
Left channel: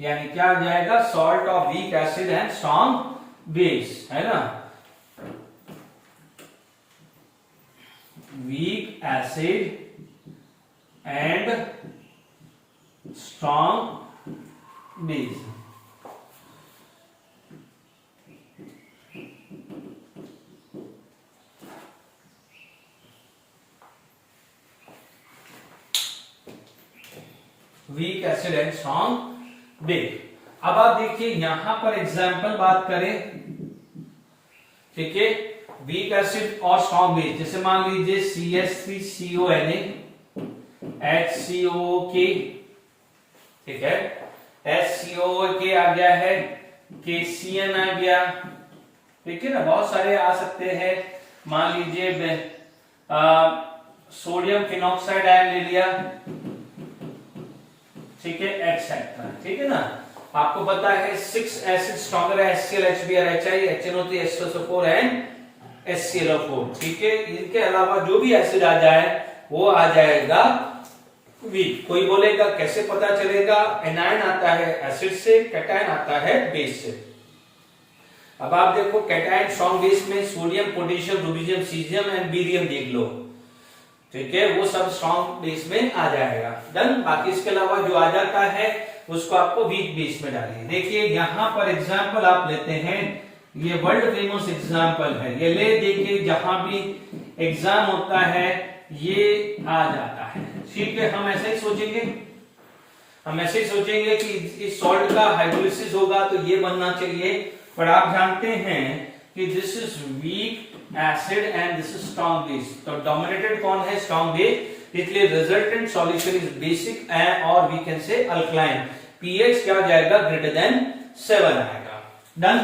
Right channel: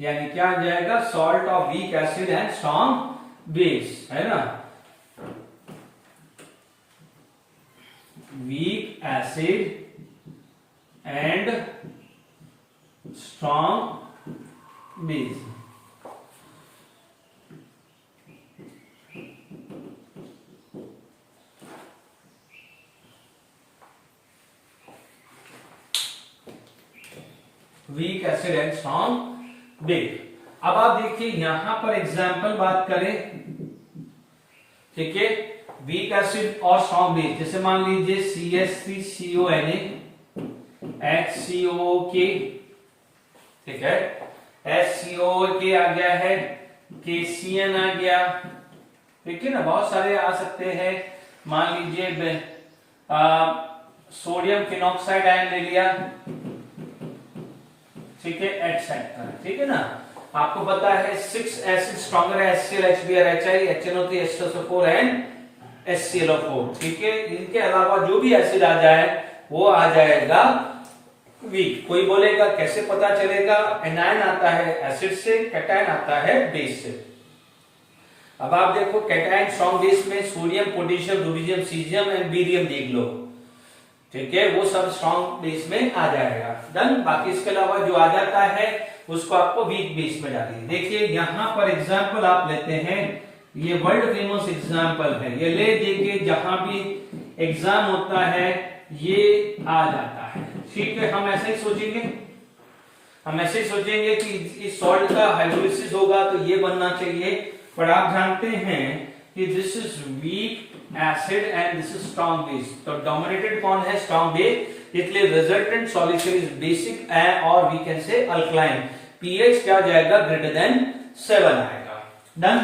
यानी क्या आ जाएगा, salt of weak acid and strong base, है ना। Week acid and strong base. Week acid and strong base. अब आप देखिए यहां पर एग्जाम्पल बात करें, ठीक है, वीक एसिड और स्ट्रॉन्ग बेस, जैसे मान लीजिए CH3CONA HCOK, ठीक है, HCOK आ गया है, KCN आ गया, ठीक है ना, बहुत सारे आ सकते हैं। मान लीजिए सोडियम फिनॉक्साइड आयन ले लिया, ठीक है, एक्सेट्रा, ठीक है ना। आपको पता है 6 एसिड स्ट्रॉन्गर है, HCl, HBr, HI, HNO3, H2SO4 and HClO4, ठीक है। इनके अलावा जो भी एसिड आ जाए वो आ जाएगा वीक। कोई बोलेगा कैसे पता चलेगा, एनायन आता है एसिड से, कैटायन आता है बेस से। अब आप देखो कैटायन स्ट्रॉन्ग बेस में sodium, potassium, rubidium, caesium and barium देख लो, ठीक है, वो सब स्ट्रॉन्ग बेस में आ जाएगा। डन। बाकी इसके अलावा जो आ जाता है उसको आपको वीक बेस में डालिए। देखिए यहां पर एग्जांपल आप लेते हैं ये वर्ल्ड फेमस एग्जाम्पल है, ये ले देके जहां भी एग्जाम होता है ये आ जाता है। ठीक है, हम ऐसा ही सोचेंगे, हम ऐसे ही सोचेंगे कि इस सॉल्ट का हाइड्रोलिसिस होगा तो ये बनना चाहिए, पर आप जानते हैं कि this is weak acid and this is strong base, तो डोमिनेटेड कौन है, स्ट्रॉन्ग बेस, इसलिए रिजल्टेंट सॉल्यूशन इज बेसिक और we can say alkaline, pH क्या जाएगा, ग्रेटर देन 7 आएगा। डन।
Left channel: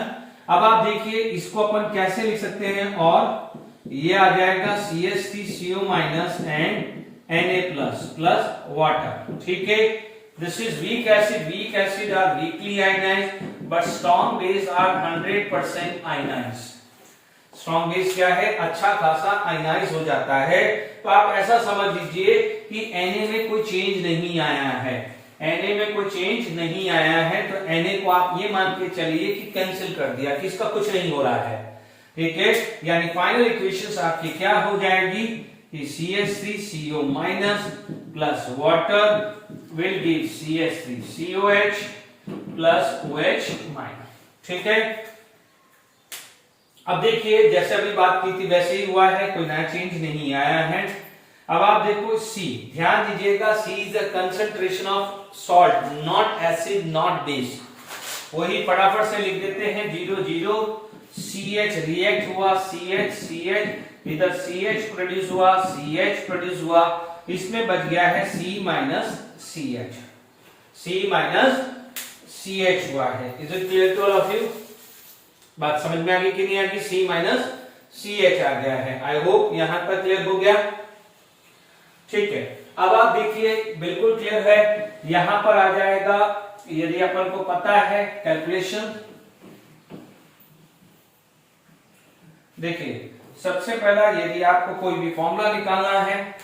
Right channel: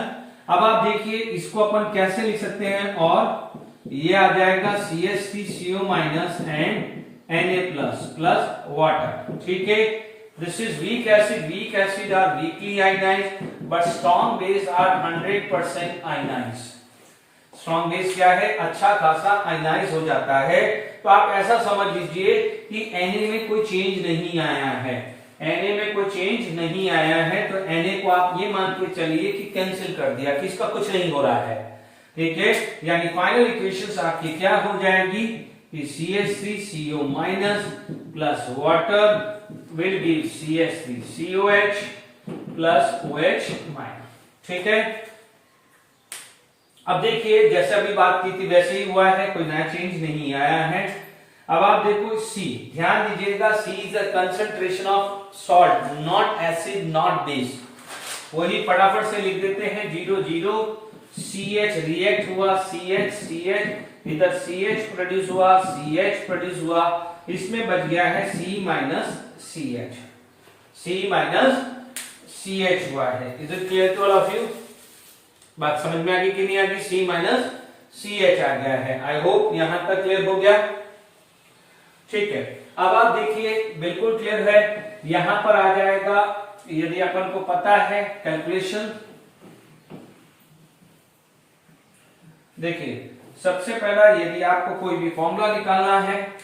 अब आप देखिए इसको अपन कैसे लिख सकते हैं, और ये आ जाएगा CH3CO minus and Na plus water. ठीक है, this is weak acid are weakly ionized but strong base are 100% ionized. Strong base क्या है, अच्छा खासा आयनाइज हो जाता है। तो आप ऐसा समझ लीजिए कि Na में कोई चेंज नहीं आया है, Na में कोई चेंज नहीं आया है, तो Na को आप ये मान के चलिए कि कैंसिल कर दिया, कि इसका कुछ नहीं हो रहा है। ठीक है, यानी फाइनल इक्वेशन आपकी क्या हो जाएगी कि CH3CO minus plus water will give CH3COH plus OH minus. ठीक है, अब देखिए जैसे अभी बात की थी वैसे ही हुआ है, कोई नया चेंज नहीं आया है। अब आप देखो C, ध्यान दीजिएगा, C is the concentration of salt, not acid not base. वही फटाफट से लिख देते हैं, 0 0 CH रिएक्ट हुआ, CH इधर CH प्रोड्यूस हुआ, CH प्रोड्यूस हुआ, इसमें बच गया है C माइनस CH हुआ है। Is it clear to all of you? बात समझ में आ गई कि नहीं आ गई? C माइनस CH आ गया है। आई होप यहां तक क्लियर हो गया। ठीक है, अब आप देखिए बिल्कुल क्लियर है, यहां पर आ जाएगा, यदि अपन को पता है कैलकुलेशन, देखिए सबसे पहला यदि आपको कोई भी फॉर्मूला निकालना है,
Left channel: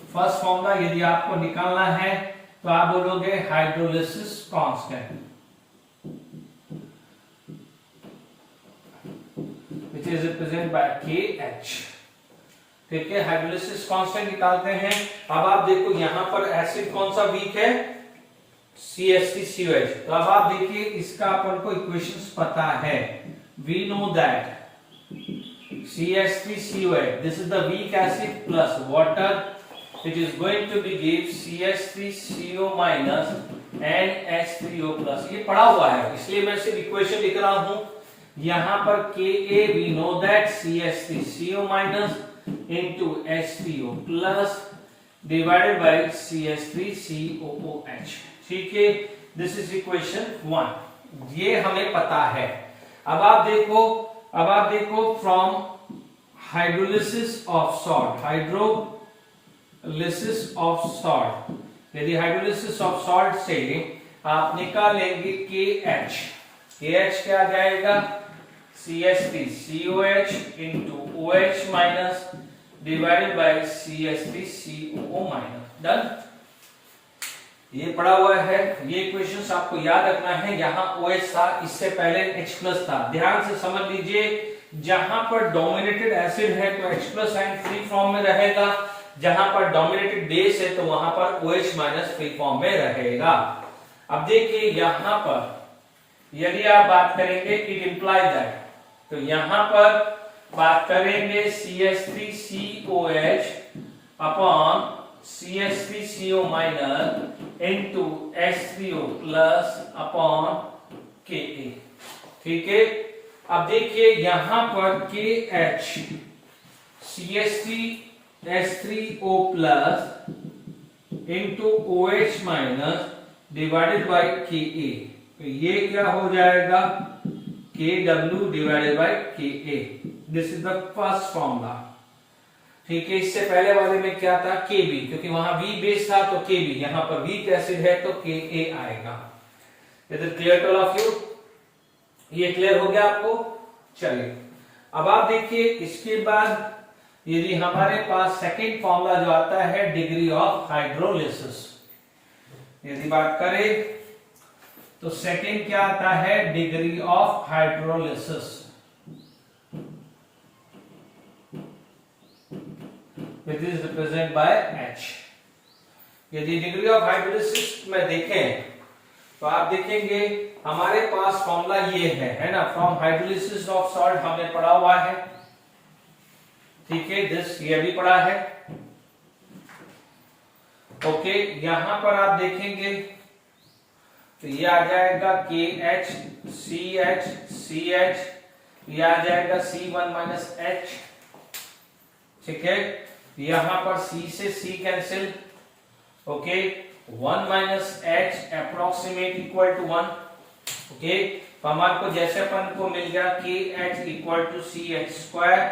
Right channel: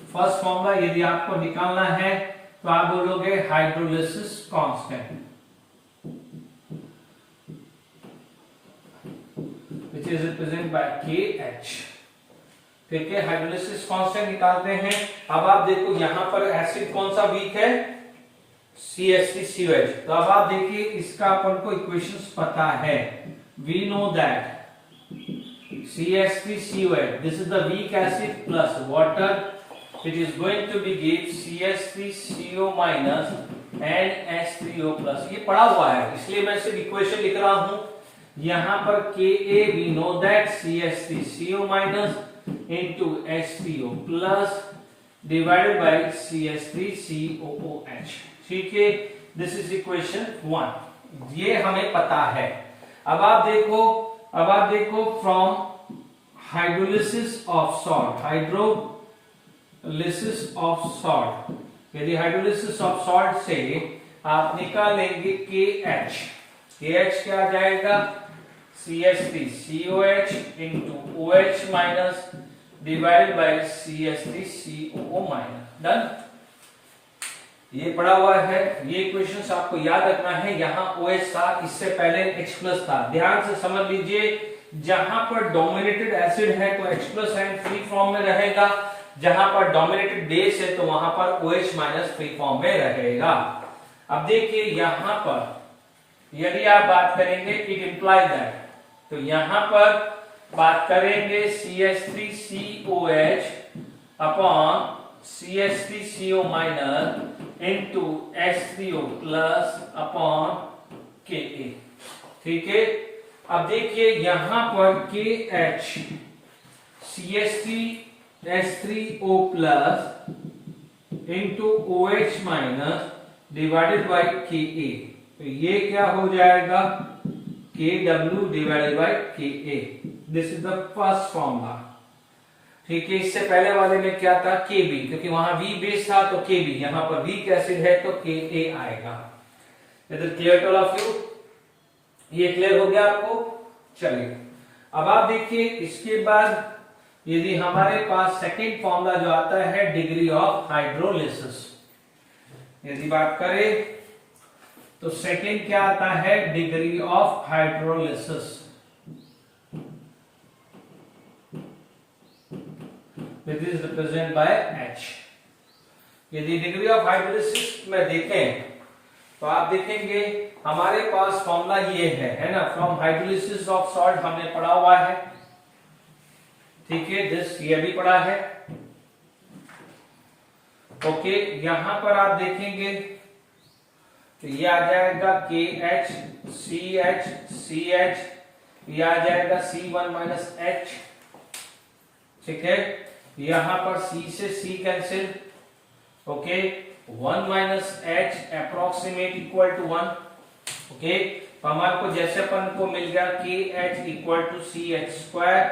फर्स्ट फॉर्मूला यदि आपको निकालना है तो आप बोलोगे hydrolysis constant, which is represented by KH। ठीक है, हाइड्रोलिसिस कांस्टेंट निकालते हैं। अब आप देखो यहां पर एसिड कौन सा वीक है, CH3COH। तो अब आप देखिए इसका अपन को इक्वेशंस पता है, we know that CH3COH, this is the weak acid plus water, which is going to be give CH3CO minus and H3O plus। ये पढ़ा हुआ है इसलिए मैं सिर्फ इक्वेशन लिख रहा हूं। यहां पर Ka we know that CH3CO minus into H3O plus divided by CH3COOH। ठीक है, दिस इज इक्वेशन 1, ये हमें पता है। अब आप देखो फ्रॉम हाइड्रोलिसिस ऑफ सॉल्ट, यदि हाइड्रोलिसिस ऑफ सॉल्ट से आप निकालेंगे KH क्या आ जाएगा, CH3COH into OH minus divided bye CH3COO minus. Done, ये पढ़ा हुआ है, ये इक्वेशंस आपको याद रखना है। यहाँ OH था, इससे पहले H प्लस था, ध्यान से समझ लीजिए। जहां पर डोमिनेटेड एसिड है तो H plus sign free form में रहेगा, जहां पर डोमिनेटेड बेस है तो वहां पर OH माइनस फ्री फॉर्म में रहेगा। अब देखिए यहां पर यदि आप बात करेंगे इट इंप्लाई दैट, तो यहां पर बात करेंगे CH3COH upon CH3CO minus into H3O plus upon Ka। ठीक है, अब देखिए यहां पर KH CH3H3O plus into OH minus divided by Ka, तो ये क्या हो जाएगा, KW divided by Ka। This is the first formula. ठीक है, इससे पहले वाले में क्या था, Kb, क्योंकि वहां V बेस था तो Kb, यहां पर वीक एसिड है तो Ka आएगा। इधर clear to all of you? ये क्लियर हो गया आपको? चलिए अब आप देखिए इसके बाद यदि हमारे पास सेकंड फॉर्मूला जो आता है डिग्री ऑफ हाइड्रोलिसिस, यदि बात करें तो सेकंड क्या आता है, degree of hydrolysis, which is represented by H। यदि डिग्री ऑफ हाइड्रोलिसिस में देखें तो आप देखेंगे हमारे पास फॉर्मूला ये है ना, फ्रॉम हाइड्रोलिसिस ऑफ सॉल्ट हमने पढ़ा हुआ है, ठीक है, दिस ये भी पढ़ा है। ओके, यहां पर आप देखेंगे तो ये आ जाएगा KH CH CH, ये आ जाएगा C1 माइनस H, ठीक है, यहां पर C से C cancel, okay, 1 minus H approximate equal to 1, okay, तो हमारे को जैसे अपन को मिल गया KH equal to CH square,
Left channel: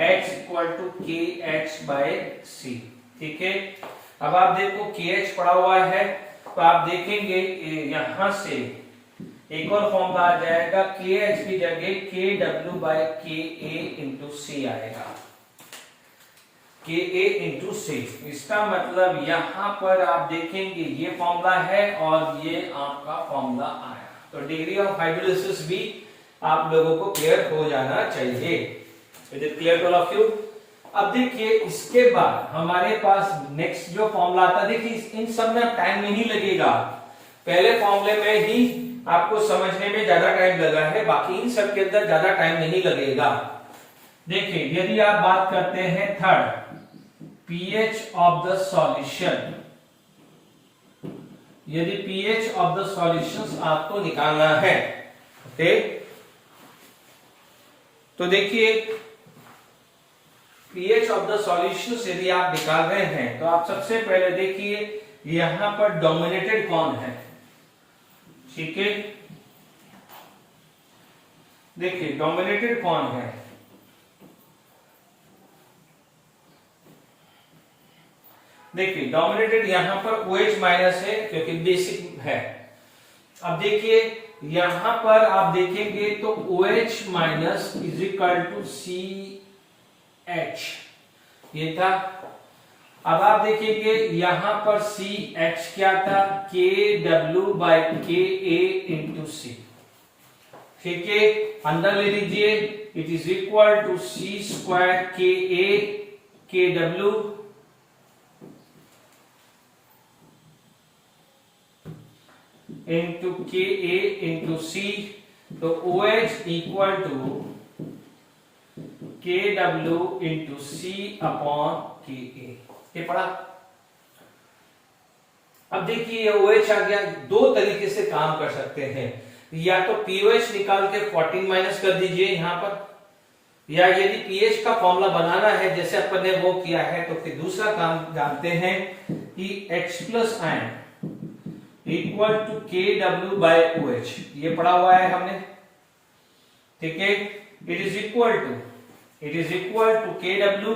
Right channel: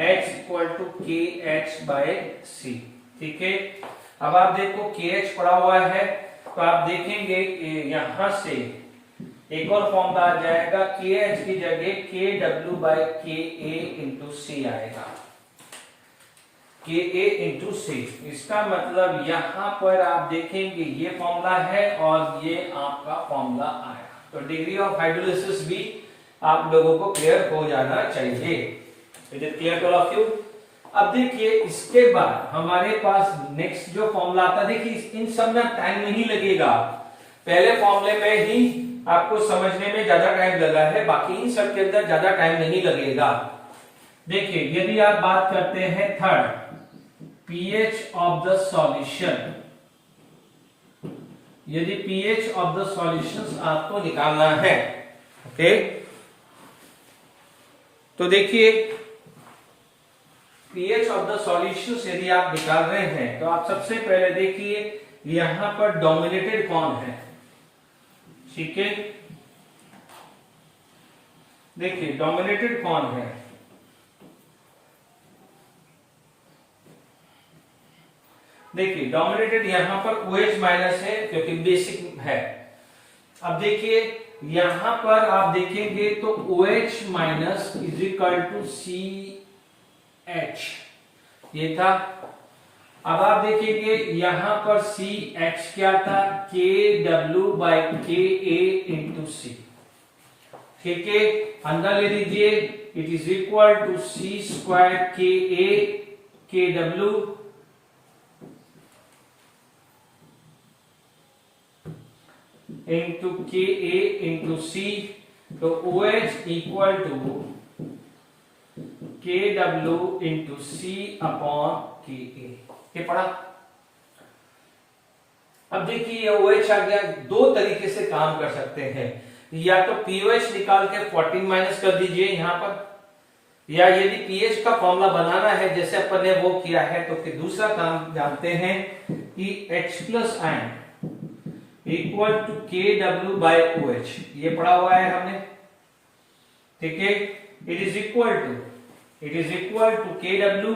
H equal to KH by C, ठीक है। अब आप देखो KH पड़ा हुआ है, तो आप देखेंगे यहां से एक और फॉर्मूला आ जाएगा, KH की जगह KW by KA into C आएगा, KA इंटू C। इसका मतलब यहां पर आप देखेंगे ये फॉर्मूला है और ये आपका फॉर्मूला आया, तो डिग्री ऑफ हाइड्रोलिसिस भी आप लोगों को क्लियर हो जाना चाहिए। Is it clear to all of you? अब देखिए इसके बाद हमारे पास नेक्स्ट जो फॉर्मूला आता है, देखिए इन सब में टाइम नहीं लगेगा, पहले फॉर्मूले में ही आपको समझने में ज्यादा टाइम लगा है, बाकी इन सब के अंदर ज्यादा टाइम नहीं लगेगा। देखिए यदि आप बात करते हैं third, pH of the solution, यदि pH ऑफ द सॉल्यूशंस आपको निकालना है, ओके, तो देखिए pH ऑफ द सॉल्यूशंस यदि आप निकाल रहे हैं तो आप सबसे पहले देखिए यहां पर डोमिनेटेड कौन है, ठीक है, देखिए डोमिनेटेड कौन है, देखिए डोमिनेटेड यहां पर OH माइनस है क्योंकि बेसिक है। अब देखिए यहां पर आप देखेंगे तो OH minus is equal to CH, ये था। अब आप देखेंगे यहां पर CH क्या था, KW by KA into C, ठीक है, अंदर ले लीजिए, it is equal to C square KA KW into KA into C, तो OH equal to KW into C upon KA, ये पढ़ा। अब देखिए ये OH आ गया, दो तरीके से काम कर सकते हैं, या तो POH निकाल के 14 माइनस कर दीजिए यहां पर, या यदि pH का फॉर्मूला बनाना है जैसे अपन ने वो किया है, तो फिर दूसरा काम जानते हैं कि H plus ion equal to KW by OH, ये पढ़ा हुआ है हमने, ठीक है, it is equal to KW,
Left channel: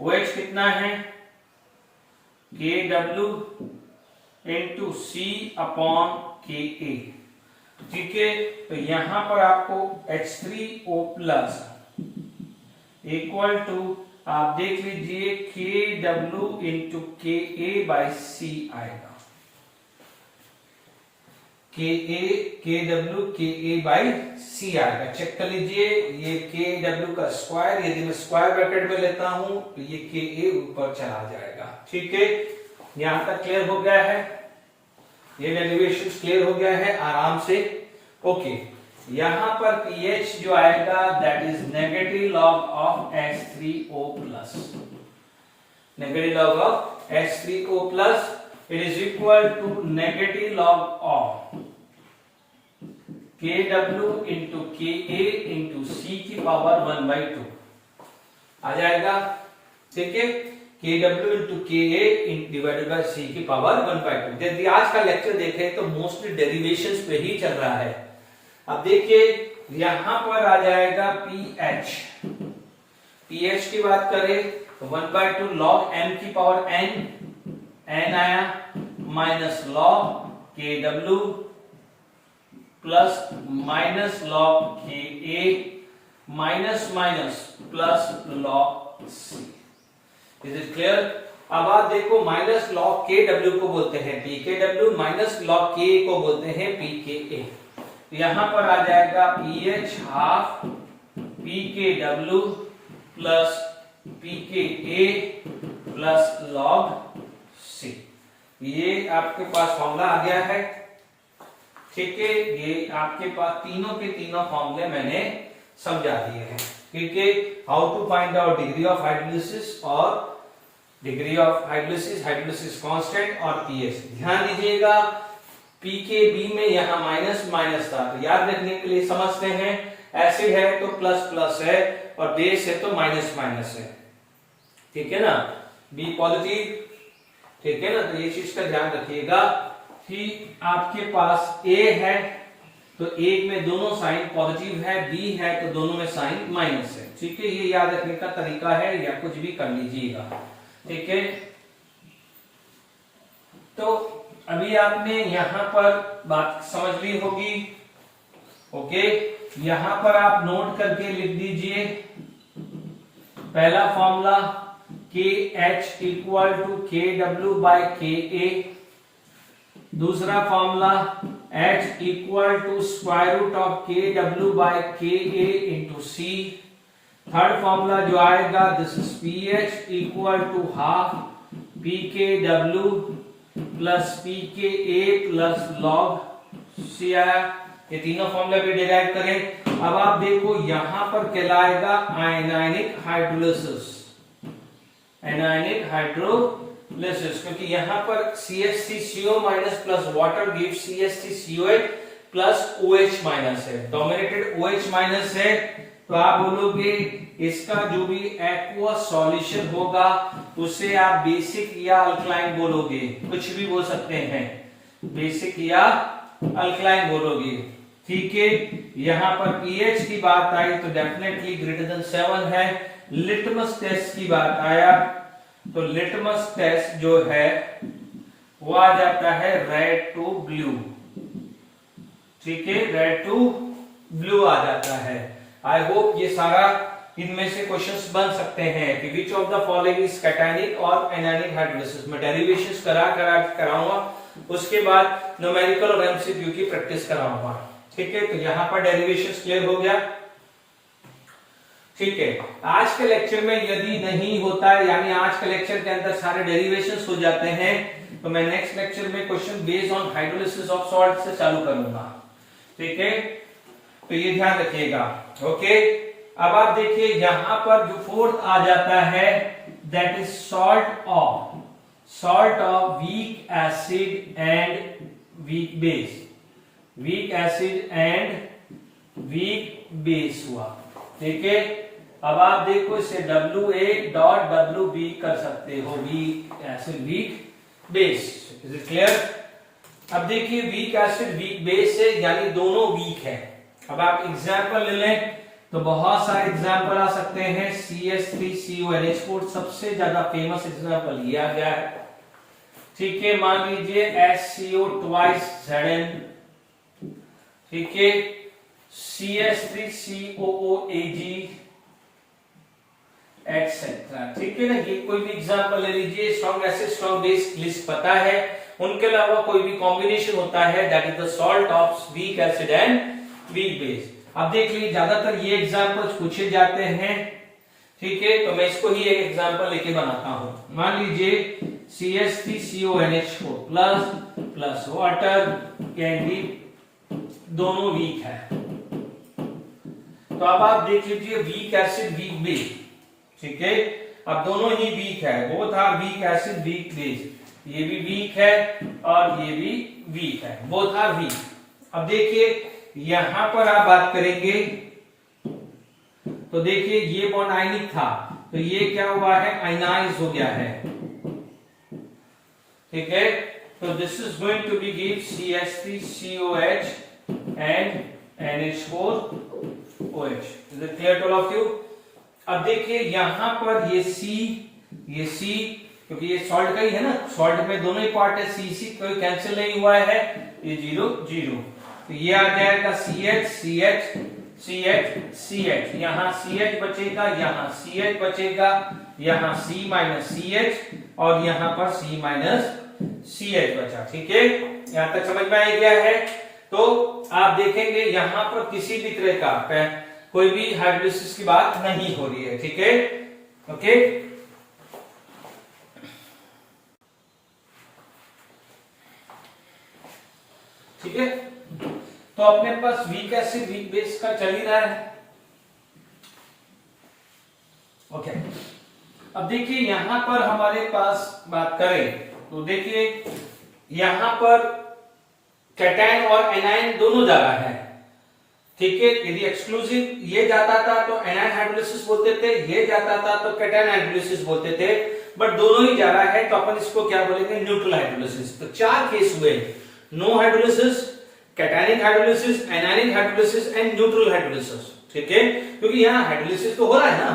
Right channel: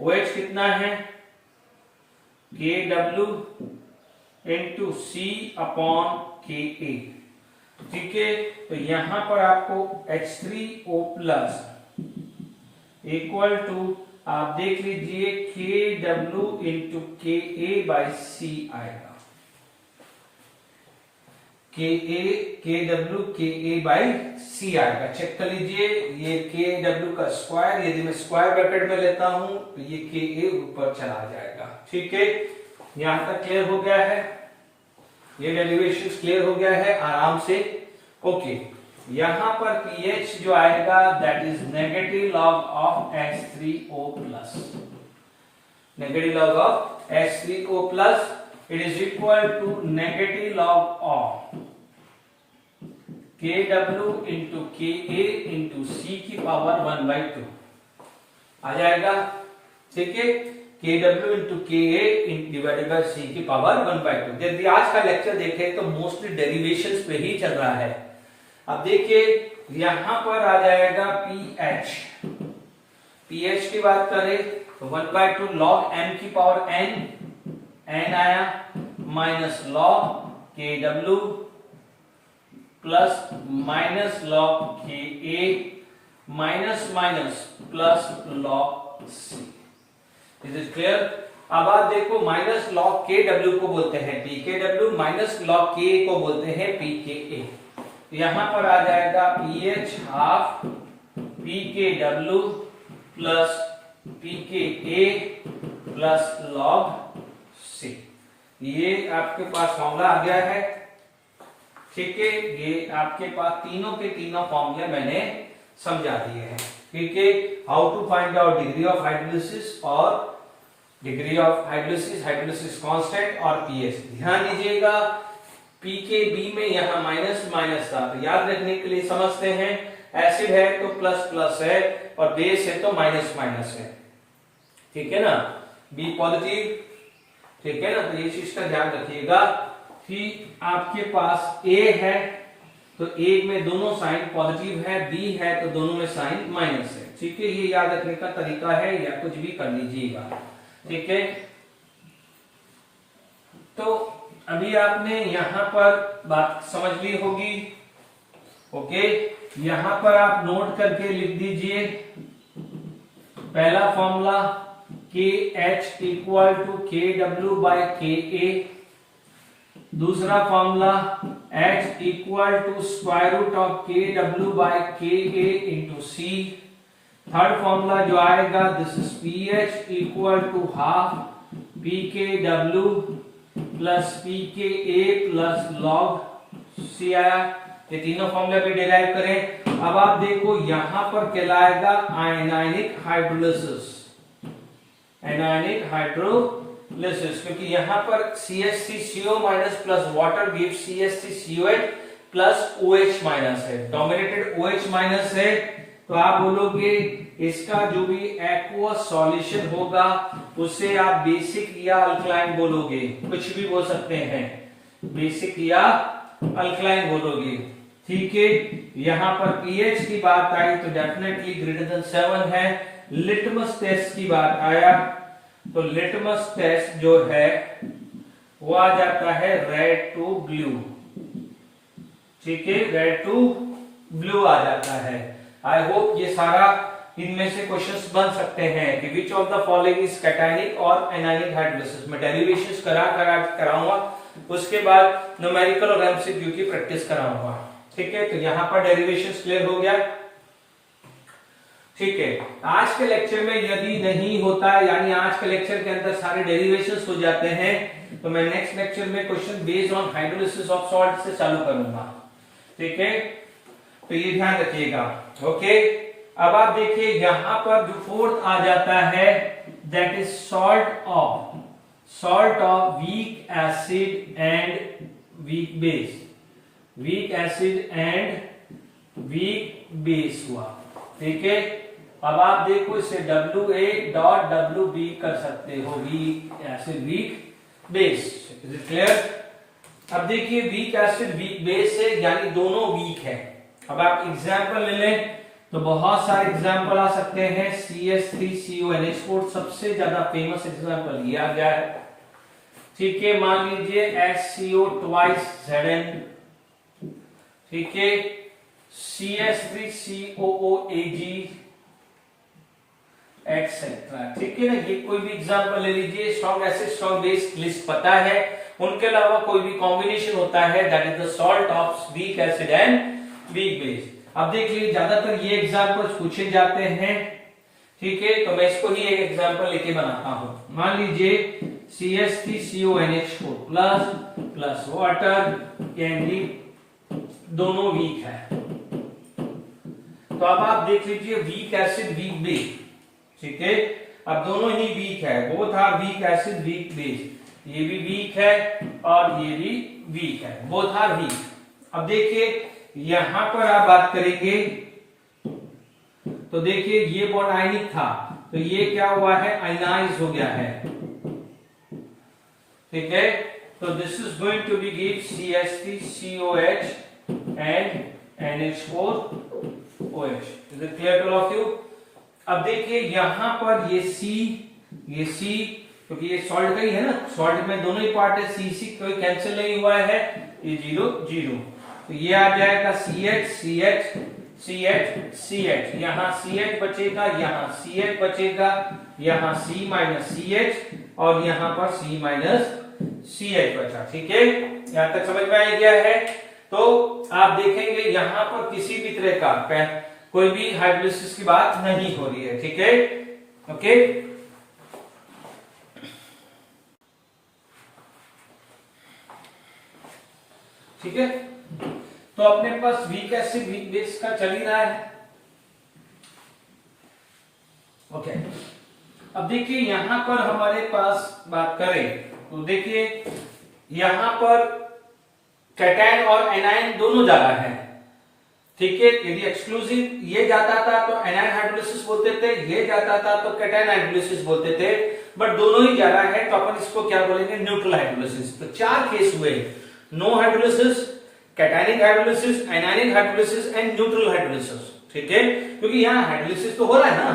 OH कितना है KW into C upon KA, ठीक है, तो यहां पर आपको H3O प्लस इक्वल टू आप देख लीजिए KW into KA by C आएगा, KW KA बाय C आएगा, चेक कर लीजिए, ये KW का स्क्वायर यदि मैं स्क्वायर ब्रैकेट में लेता हूं तो ये KA ऊपर चला जाएगा, ठीक है, यहां तक क्लियर हो गया है, ये डेरिवेशन क्लियर हो गया है आराम से, ओके। यहां पर pH जो आएगा that is negative log of H3O plus, negative log of H3O plus, it is equal to negative log of KW into KA into C की पावर 1/2 आ जाएगा, ठीक है, KW into KA divided by C की power 1/2। यदि आज का lecture देखें तो मोस्टली डेरिवेशंस पे ही चल रहा है। अब देखिए यहां पर आ जाएगा pH की बात करें तो 1/2 log m की पावर n आया, minus log KW plus minus log KA minus minus plus log C। Is it clear? अब आप देखो माइनस log KW को बोलते हैं PKW, माइनस log KA को बोलते हैं PKA। यहां पर आ जाएगा pH half PKW plus PKA plus log C। ये आपके पास फॉर्मूला आ गया है। ठीक है, ये आपके पास तीनों के तीनों फॉर्मूले मैंने समझा दिए हैं। ठीक है, how to find out degree of hydrolysis और डिग्री ऑफ हाइड्रोलिसिस कांस्टेंट और पीएच। ध्यान दीजिएगा पीकेबी में यहाँ माइनस माइनस था, तो याद रखने के लिए समझते हैं एसिड है तो प्लस प्लस है और बेस है तो माइनस माइनस है। ठीक है ना, बी पॉजिटिव। ठीक है ना, तो ये चीज का ध्यान रखिएगा कि आपके पास ए है तो ए में दोनों साइन पॉजिटिव है, बी है तो दोनों में साइन माइनस है। ठीक है, ये याद रखने का तरीका है, या कुछ भी कर लीजिएगा। ठीक है, तो अभी आपने यहां पर बात समझ ली होगी। ओके, यहां पर आप नोट करके लिख दीजिए पहला formula K H equal to K W by K A, दूसरा formula H equal to square root of K W by K A into C, third formula जो आएगा this is P H equal to half P K W plus P K A plus log c आया। ये तीनों formula भी derive करें। अब आप देखो यहां पर कहलाएगा आयनाइनिक हाइड्रोलिसिस, आयनाइनिक हाइड्रोलिसिस, क्योंकि यहां पर CH3CO minus plus water give CH3COH plus OH minus है, डोमिनेटेड OH माइनस है, तो आप बोलोगे इसका जो भी एक्वस सॉल्यूशन होगा उसे आप बेसिक या अल्कलाइन बोलोगे, कुछ भी बोल सकते हैं, बेसिक या अल्कलाइन बोलोगे। ठीक है, यहां पर पीएच की बात आई तो डेफिनेटली ग्रेटर देन 7 है। लिटमस टेस्ट की बात आया तो लिटमस टेस्ट जो है वो आ जाता है रेड टू ब्लू। ठीक है, रेड टू ब्लू आ जाता है। आई होप ये सारा इनमें से क्वेश्चंस बन सकते हैं कि which of the following is cationic और एनायनिक हाइड्रोलिसिस। मैं डेरिवेशंस कराऊंगा, उसके बाद न्यूमेरिकल और एमसीक्यू की प्रैक्टिस कराऊंगा। ठीक है, तो यहां पर डेरिवेशंस क्लियर हो गया। ठीक है, आज के लेक्चर में यदि नहीं होता है, यानी आज के लेक्चर के अंदर सारे डेरिवेशंस हो जाते हैं, तो मैं नेक्स्ट लेक्चर में question based on hydrolysis of salt से चालू करूंगा। ठीक है, तो ये ध्यान रखिएगा। ओके, अब आप देखिए यहां पर जो फोर्थ आ जाता है that is salt of weak acid and weak base, week acid and weak base हुआ। ठीक है, अब आप देखो इसे WA.WB कर सकते हो, week acid weak base. Is it clear? अब देखिए वीक एसिड वीक बेस है, यानी दोनों वीक है। अब आप एग्जाम्पल ले लें तो बहुत सारे एग्जाम्पल आ सकते हैं। CH3CONH4 सबसे ज्यादा फेमस एग्जाम्पल ये आ गया है। ठीक है, मान लीजिए HCO twice Zn, ठीक है, CH3COOAg एटसेट्रा। ठीक है ना, ये कोई भी एग्जाम्पल ले लीजिए। Strong acid strong base list पता है, उनके अलावा कोई भी कॉम्बिनेशन होता है that is the salt of weak acid and weak base. अब देख लीजिए ज्यादातर ये एग्जाम्पल्स पूछे जाते हैं। ठीक है, तो मैं इसको ही एक एग्जाम्पल लेके बनाता हूं। मान लीजिए CH3CONH4 plus plus water can be, दोनों वीक है। तो अब आप देख लीजिए वीक एसिड वीक बेस। ठीक है, अब दोनों ही वीक है, both are weak acid weak base. ये भी वीक है और ये भी वीक है, बोथ आर वीक। अब देखिए यहां पर आप बात करेंगे तो देखिए ये बॉन्ड आयनिक था, तो ये क्या हुआ है, आयनाइज हो गया है। ठीक है, तो this is going to be give CH3COH and NH4OH। Is it clear to all of you? अब देखिए यहां पर ये C, क्योंकि ये सॉल्ट का ही है ना, सॉल्ट में दोनों ही पार्ट है, C कोई कैंसिल नहीं हुआ है, ये 0 0, तो ये आ जाएगा CH, यहां CH बचेगा, यहां CH बचेगा, यहां C माइनस CH और यहां पर C माइनस CH बचा। ठीक है, यहां तक समझ में आ गया है? तो आप देखेंगे यहां पर किसी भी तरह का कोई भी हाइड्रोलिसिस की बात नहीं हो रही है। ठीक है, ओके। ठीक है, तो अपने पास वीक एसिड वीक बेस का चल ही रहा है। ओके, अब देखिए यहां पर हमारे पास बात करें तो देखिए यहां पर कैटायन और एनायन दोनों जगह है, ठीक है। यदि एक्सक्लूसिव ये जाता था तो एनायन हाइड्रोलिसिस बोलते थे, ये जाता था तो कैटायन हाइड्रोलिसिस बोलते थे, बट दोनों ही जा रहा है तो अपन इसको क्या बोलेंगे, न्यूट्रल हाइड्रोलिसिस। तो चार केस हुए, no hydrolysis, cationic hydrolysis, anionic hydrolysis and neutral hydrolysis, ठीक है। क्योंकि यहाँ हाइड्रोलिसिस तो हो रहा है ना,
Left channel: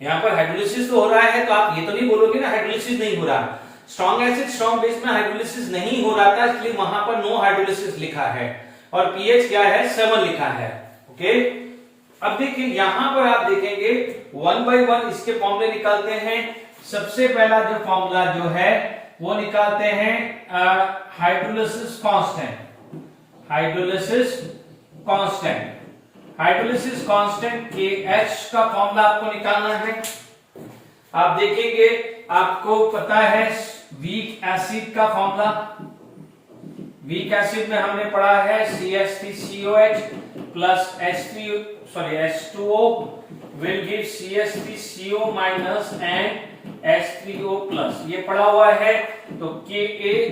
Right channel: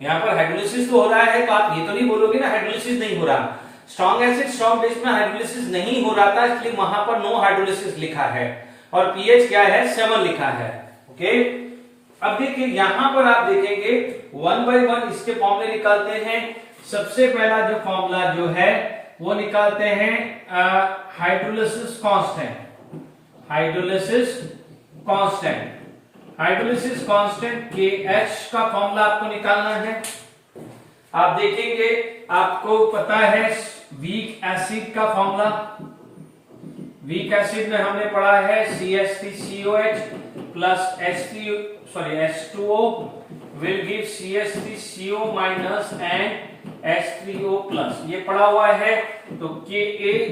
यहाँ पर हाइड्रोलिसिस तो हो रहा है, तो आप ये तो नहीं बोलोगे ना हाइड्रोलिसिस नहीं हो रहा। स्ट्रॉन्ग एसिड स्ट्रॉन्ग बेस में हाइड्रोलिसिस नहीं हो रहा था, इसलिए वहां पर नो हाइड्रोलिसिस लिखा है और पीएच क्या है 7 लिखा है। ओके, अब देखिए यहां पर आप देखेंगे 1 बाय 1 इसके फॉर्मूले निकालते हैं। सबसे पहला जो फॉर्मूला जो है वो निकालते हैं hydrolysis constant. Hydrolysis constant, hydrolysis constant KH का फॉर्मूला आपको निकालना है। आप देखेंगे आपको पता है वीक एसिड का फॉर्मूला, वीक एसिड में हमने पढ़ा है CH3COH plus H2O will give CH3CO minus and H3O plus, ये पढ़ा हुआ है। तो Ka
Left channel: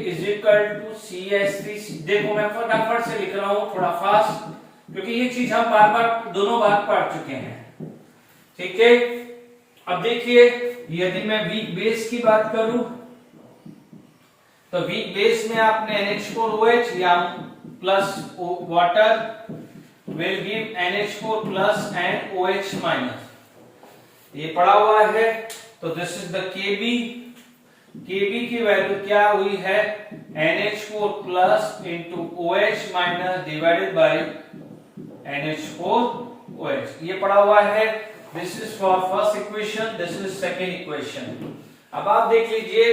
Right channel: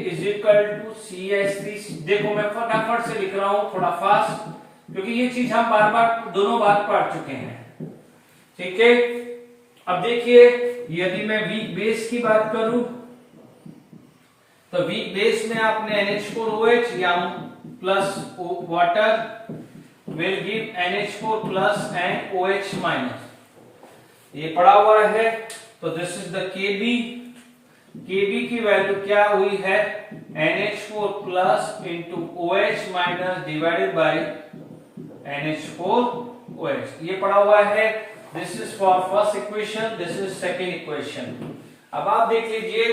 is equal to CH3, देखो मैं फटाफट से लिख रहा हूं थोड़ा फास्ट, क्योंकि ये चीज हम बार बार दोनों बार पढ़ चुके हैं, ठीक है। अब देखिए यदि मैं वीक बेस की बात करूं तो वीक बेस में आपने NH4OH या plus water will give NH4 plus and OH minus, ये पड़ा हुआ है। तो this is the Kb, Kb की वैल्यू क्या हुई है NH4 plus into OH minus divided by NH4OH, ये पड़ा हुआ है। This is for first equation, this is second equation. अब आप देख लीजिए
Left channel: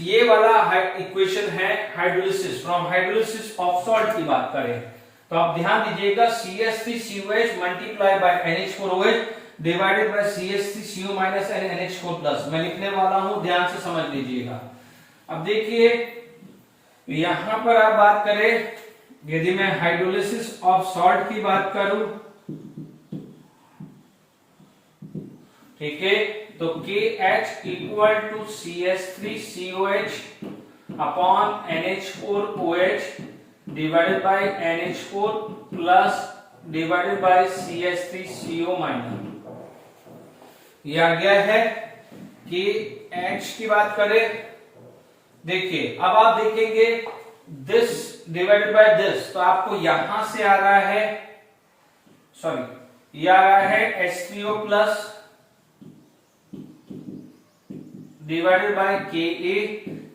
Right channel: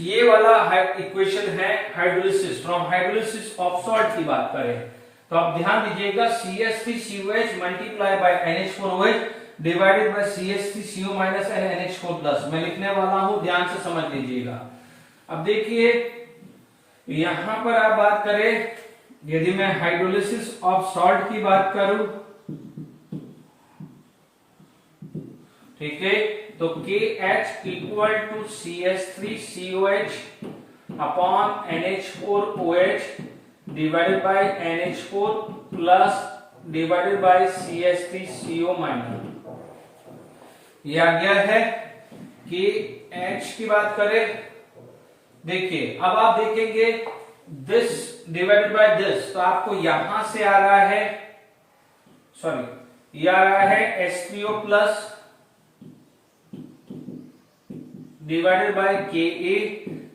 ये वाला इक्वेशन है hydrolysis, from hydrolysis of salt की बात करें तो आप ध्यान दीजिएगा CH3COH multiply by NH4OH divided by CH3CO minus and NH4 plus, मैं लिखने वाला हूं, ध्यान से समझ लीजिएगा। अब देखिए यहां पर आप बात करें, यदि मैं हाइड्रोलिसिस ऑफ सॉल्ट की बात करूं, ठीक है, तो KH equal to CH3COH upon NH4OH divided by NH4 plus divided by CH3CO minus, ये आ गया है। KH की बात करें, देखिए अब आप देखेंगे दिस डिवाइडेड बाय दिस, तो आपको यहां से आ रहा है, सॉरी ये आ रहा है H3O plus divided by Ka,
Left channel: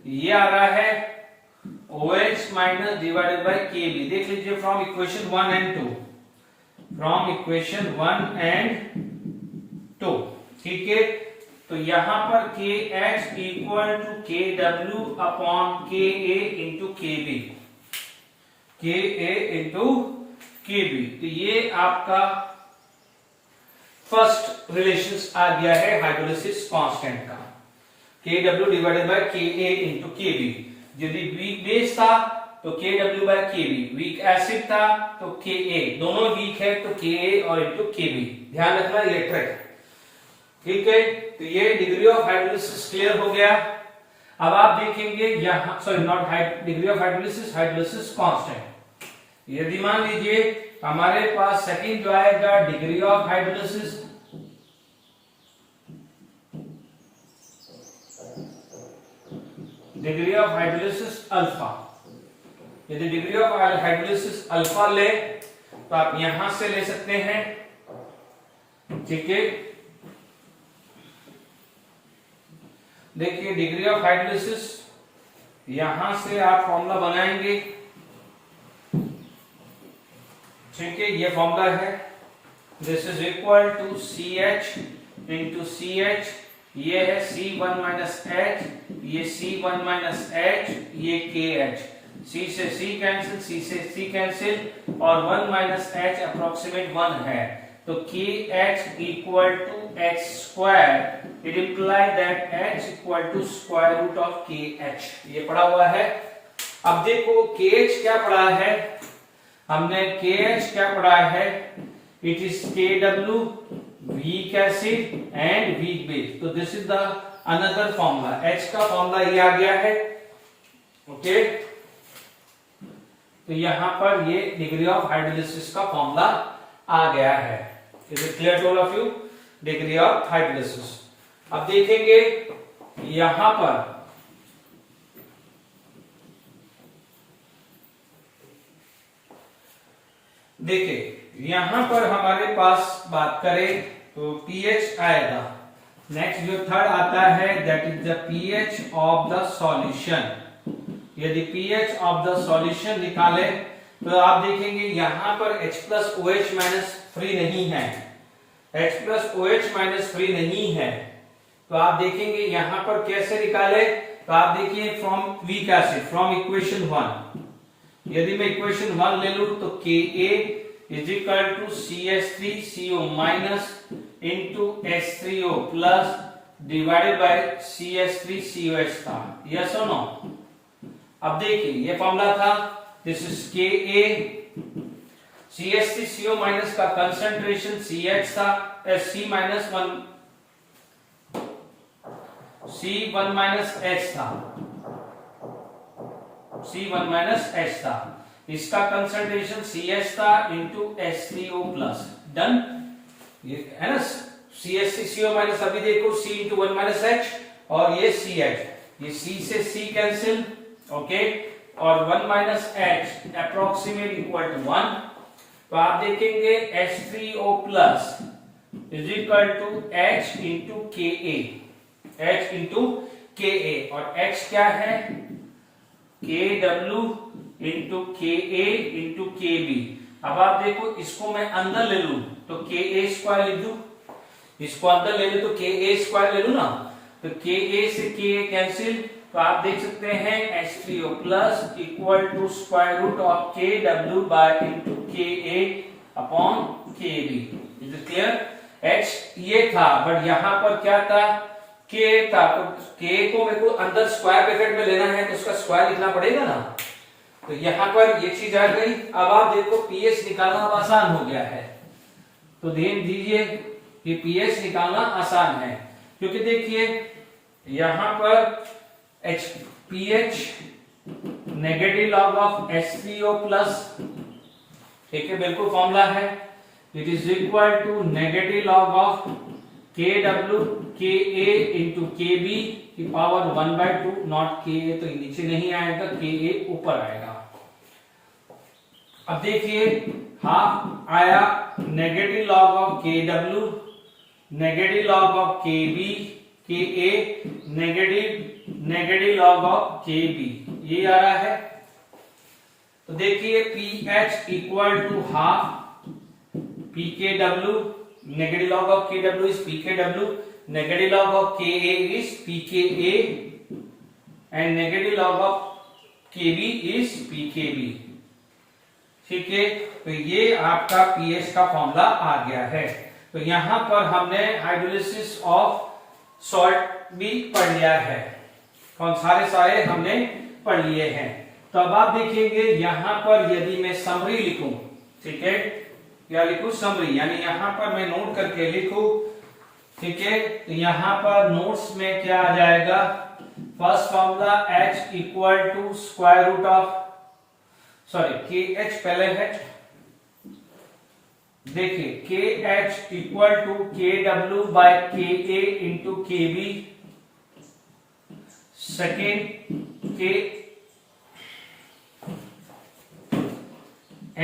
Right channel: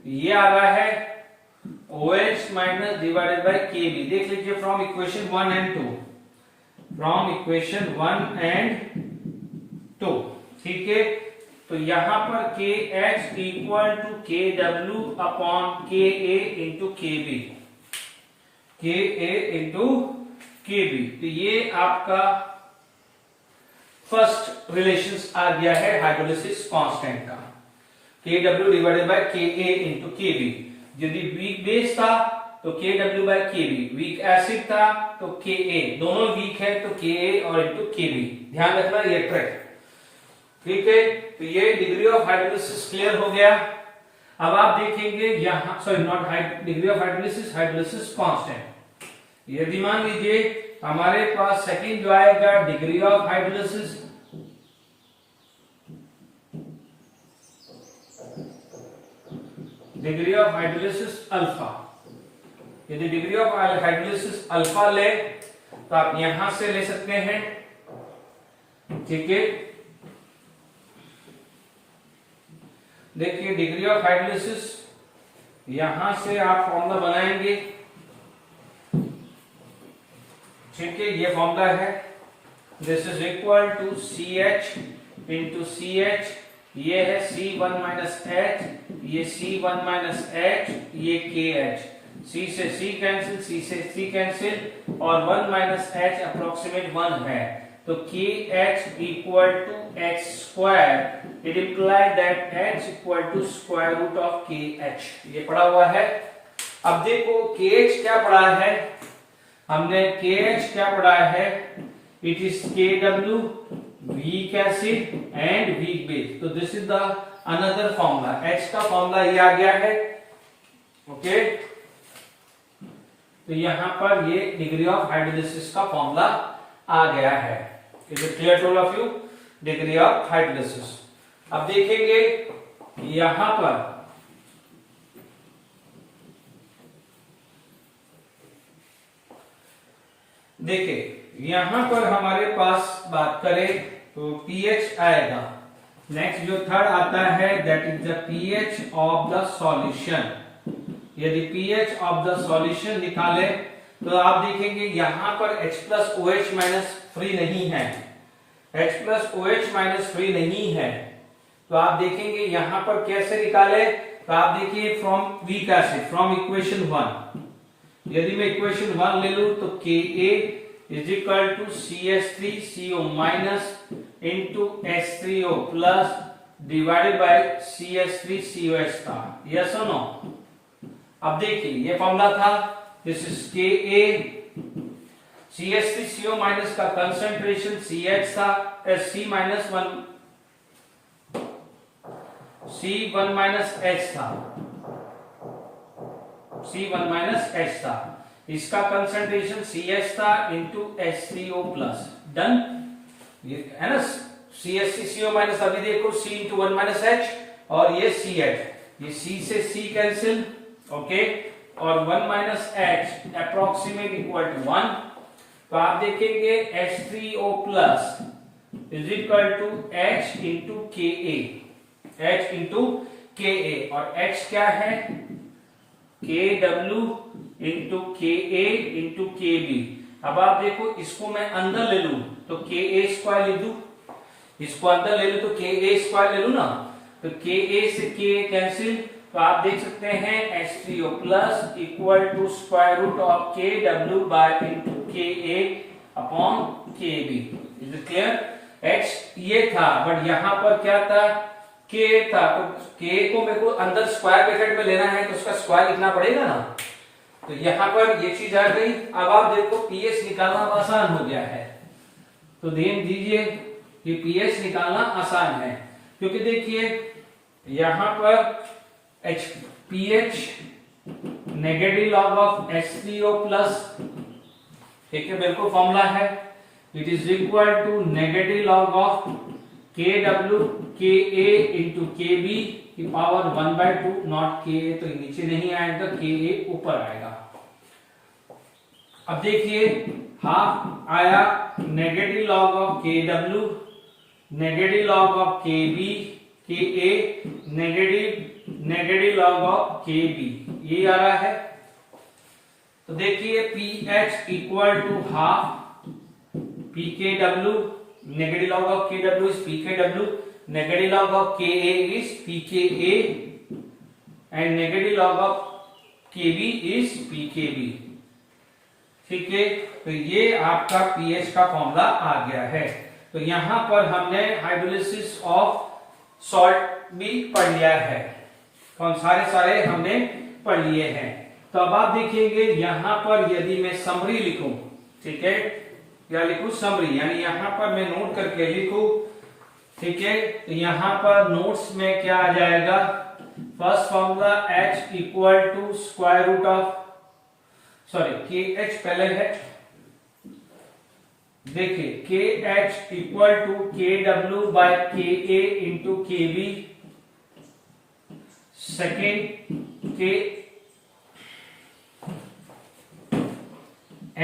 ये आ रहा है OH minus divided by Kb। देख लीजिए from equation 1 and 2, from equation 1 and 2, ठीक है। तो यहां पर KH equal to KW upon Ka into Kb, Ka into Kb, तो ये आपका फर्स्ट रिलेशंस आ गया है हाइड्रोलिसिस कांस्टेंट का, Kw divided by Ka into Kb। यदि वीक बेस था तो Kw by Kb, weak acid था तो Ka, दोनों वीक है तो Ka और इंटू Kb, ध्यान रखना ये ट्रिक, ठीक है। तो ये डिग्री ऑफ हाइड्रोलिसिस क्लियर हो गया। अब आप देखेंगे यहां, sorry not degree of hydrolysis, hydrolysis constant. यदि मान लीजिए हमारे पास सेकंड जो आएगा degree of hydrolysis, degree of hydrolysis alpha, यदि डिग्री ऑफ हाइड्रोलिसिस अल्फा ले तो आप यहां से ले सकते हैं, ठीक है। देखिए डिग्री ऑफ हाइड्रोलिसिस यहां से आप फॉर्मूला बनाएंगे, ठीक है, ये फॉर्मूला है, this is equal to CH into CH, ये है C1 माइनस H, ये C1 माइनस H, ये KH, C से C कैंसिल, C से C कैंसिल और 1 माइनस H अप्रोक्सीमेट 1 है, तो KH equal to H square, it imply that H equal to square root of KH, ये पढ़ा हुआ है। अब देखो KH क्या पढ़ा है, हमने KH क्या पढ़ा है, it is KW weak acid and weak base. तो this is the another formula, H का फॉर्मूला ये आ गया है। ओके, तो यहां पर ये डिग्री ऑफ हाइड्रोलिसिस का फॉर्मूला आ गया है। Is it clear to all of you? Degree of hydrolysis. अब देखेंगे यहां पर देखिए, यहां पर हमारे पास बात करें तो पीएच आएगा। नेक्स्ट जो थर्ड आता है that is the pH of the solution. यदि पीएच ऑफ द सॉल्यूशन निकाले तो आप देखेंगे यहां पर H plus OH minus free नहीं है, H plus OH minus free नहीं है। तो आप देखेंगे यहां पर कैसे निकाले, तो आप देखिए from weak acid, from equation 1, यदि मैं इक्वेशन 1 ले लूं तो Ka is equal to CH3CO minus into H3O plus divided by CH3COH था। यस और नो? अब देखिए ये फॉर्मूला था, this is Ka, CH3CO minus का कंसंट्रेशन CH था, C माइनस 1 माइनस H था, C1 माइनस H था, इसका कंसंट्रेशन CH था इंटू H3O प्लस। डन, ये है ना, CH3CO माइनस, अभी देखो C इंटू 1 माइनस H और ये CH, ये C से C कैंसिल, ओके, और 1 minus H approximate equal to 1। तो आप देखेंगे H3O plus is equal to H into Ka, H into Ka, और H क्या है, KW into Ka into Kb। अब आप देखो इसको मैं अंदर ले लूं तो Ka स्क्वायर लिख दूं, इसको अंदर ले लूं तो Ka स्क्वायर ले लूं ना, तो Ka से Ka कैंसिल, तो आप देख सकते हैं H3O plus equal to square root of KW by into Ka upon Kb। Is it clear? H ये था, बट यहां पर क्या था, K था, तो K को मेरे को अंदर स्क्वायर ब्रैकेट में लेना है तो उसका स्क्वायर लिखना पड़ेगा ना, तो यहां पर ये चीज आ गई। अब आप देखो पीएच निकालना अब आसान हो गया है, तो ध्यान दीजिए कि पीएच निकालना आसान है, क्योंकि देखिए यहां पर pH negative log of H3O plus, ठीक है, बिल्कुल फॉर्मूला है, it is equal to negative log of KW Ka into Kb की पावर 1/2, नॉट Ka, तो नीचे नहीं आएगा, Ka ऊपर आएगा। अब देखिए हाफ आया negative log of KW, negative log of Kb, Ka negative log of Kb, ये आ रहा है। तो देखिए pH equal to half pKw, negative log of KW is pKw, negative log of Ka is pKa and negative log of Kb is pKb। ठीक है, तो ये आपका pH का फॉर्मूला आ गया है। तो यहां पर हमने हाइड्रोलिसिस ऑफ सॉल्ट भी पढ़ लिया है, कौन सारे हमने पढ़ लिए हैं। तो अब आप देखेंगे यहां पर यदि मैं समरी लिखूं, ठीक है, या लिखूं समरी, यानी यहां पर मैं नोट करके लिखूं, ठीक है, तो यहां पर नोट्स में क्या आ जाएगा, first formula H equal to square root of, sorry KH पहले है, देखिए KH equal to KW by Ka into Kb, second के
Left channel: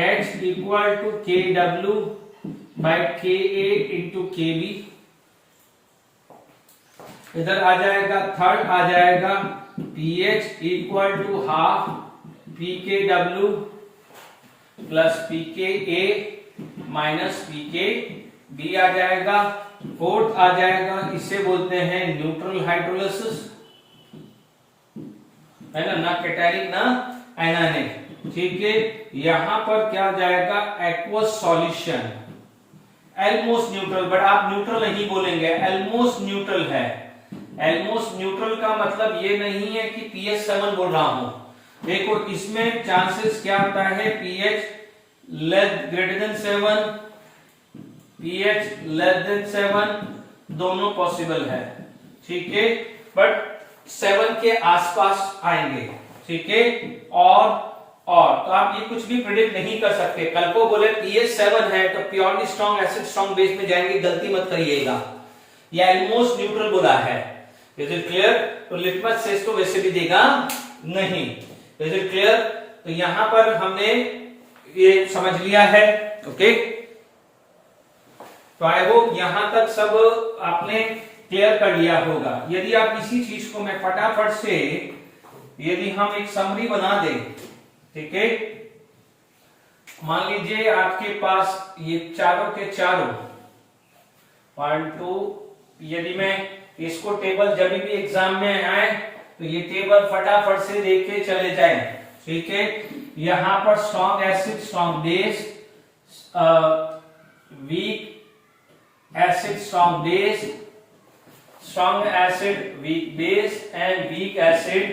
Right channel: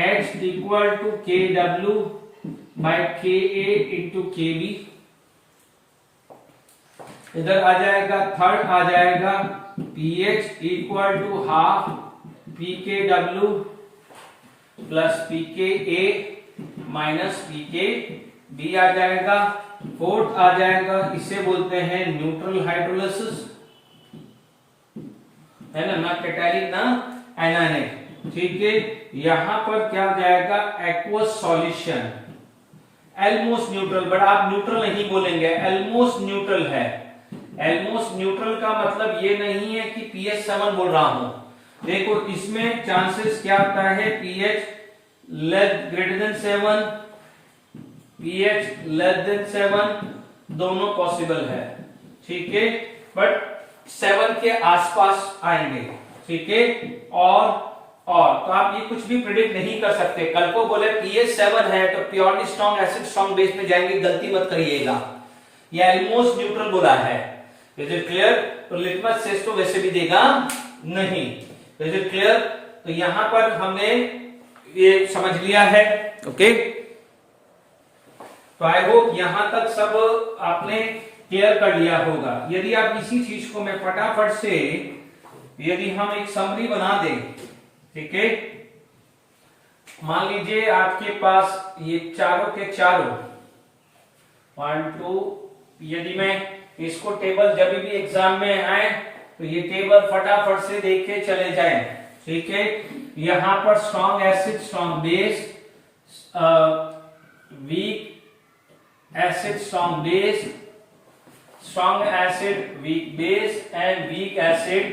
H equal to KW by Ka into Kb, इधर आ जाएगा थर्ड आ जाएगा pH equal to half pKw plus pKa minus pKb आ जाएगा। फोर्थ आ जाएगा, इसे बोलते हैं न्यूट्रल हाइड्रोलिसिस, है ना कैटालिक ना एनायनिक, ठीक है। यहां पर क्या हो जाएगा, एक्वस सॉल्यूशन, एल्मोस्ट न्यूट्रल, बट आप न्यूट्रल नहीं बोलेंगे, एल्मोस्ट न्यूट्रल है। एल्मोस्ट न्यूट्रल का मतलब ये नहीं है कि pH 7 बोल रहा हूं, देखो इसमें चांसेस क्या होता है, pH greater than 7, pH less than 7, दोनों पॉसिबल है, ठीक है, बट 7 के आसपास आएंगे, ठीक है। और तो आप ये कुछ भी प्रिडिक्ट नहीं कर सकते। कल को बोले pH 7 है तो purely strong acid strong base में जाएंगे, गलती मत करिएगा। ये ऑलमोस्ट न्यूट्रल बोला है, इज इट क्लियर? तो लिटमस टेस्ट तो वैसे भी देगा नहीं, इज इट क्लियर? तो यहां पर हमने ये समझ लिया है, ओके। तो आई होप यहां तक सब आपने क्लियर कर लिया होगा। यदि आप इसी चीज को मैं फटाफट से यदि हम एक समरी बना दें, ठीक है, मान लीजिए आपके पास ये चारों के चारों 1 2, यदि मैं इसको टेबल जब भी एग्जाम में आए तो ये टेबल फटाफट से देख के चले जाए, ठीक है। यहां पर strong acid strong base, week acid strong base, strong acid weak base and week acid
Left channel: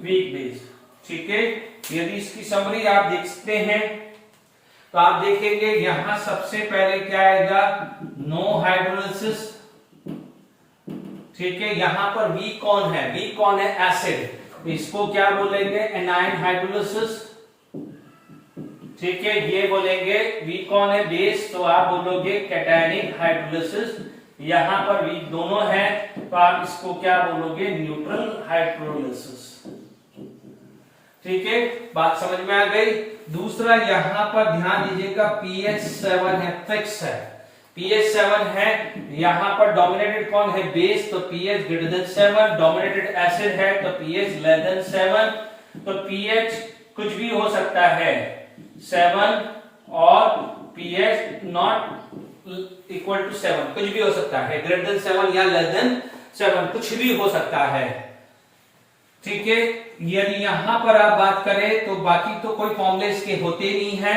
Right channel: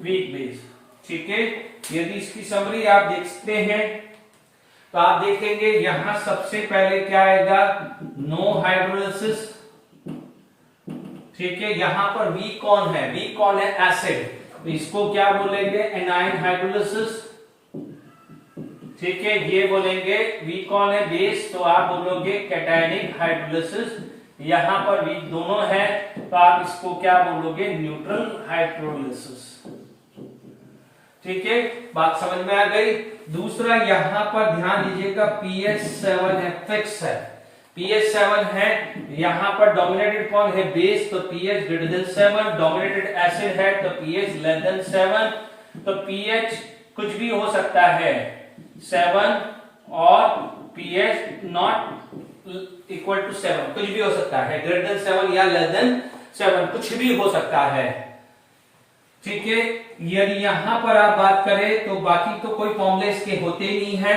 weak base, ठीक है। यदि इसकी समरी आप देखते हैं तो आप देखेंगे यहां सबसे पहले क्या आएगा, नो हाइड्रोलिसिस, ठीक है। यहां पर वीक कौन है, वीक कौन है, एसिड, तो इसको क्या बोलेंगे, एनाइन हाइड्रोलिसिस, ठीक है। ये बोलेंगे वीक कौन है, बेस, तो आप बोलोगे कैटायनिक हाइड्रोलिसिस। यहां पर वीक दोनों है तो आप इसको क्या बोलोगे, न्यूट्रल हाइड्रोलिसिस, ठीक है। बात समझ में आ गई। दूसरा यहां पर ध्यान दीजिएगा pH 7 है, फिक्स है, pH 7 है। यहां पर डोमिनेटेड कौन है, बेस, तो pH greater than 7, dominated acid है तो pH लेस देन 7, तो pH कुछ भी हो सकता है 7 और pH नॉट इक्वल टू 7, कुछ भी हो सकता है, ग्रेटर देन 7 या लेस देन 7, कुछ भी हो सकता है, ठीक है। यदि यहां पर आप बात करें तो बाकी तो कोई फॉर्मूले इसके होते नहीं है।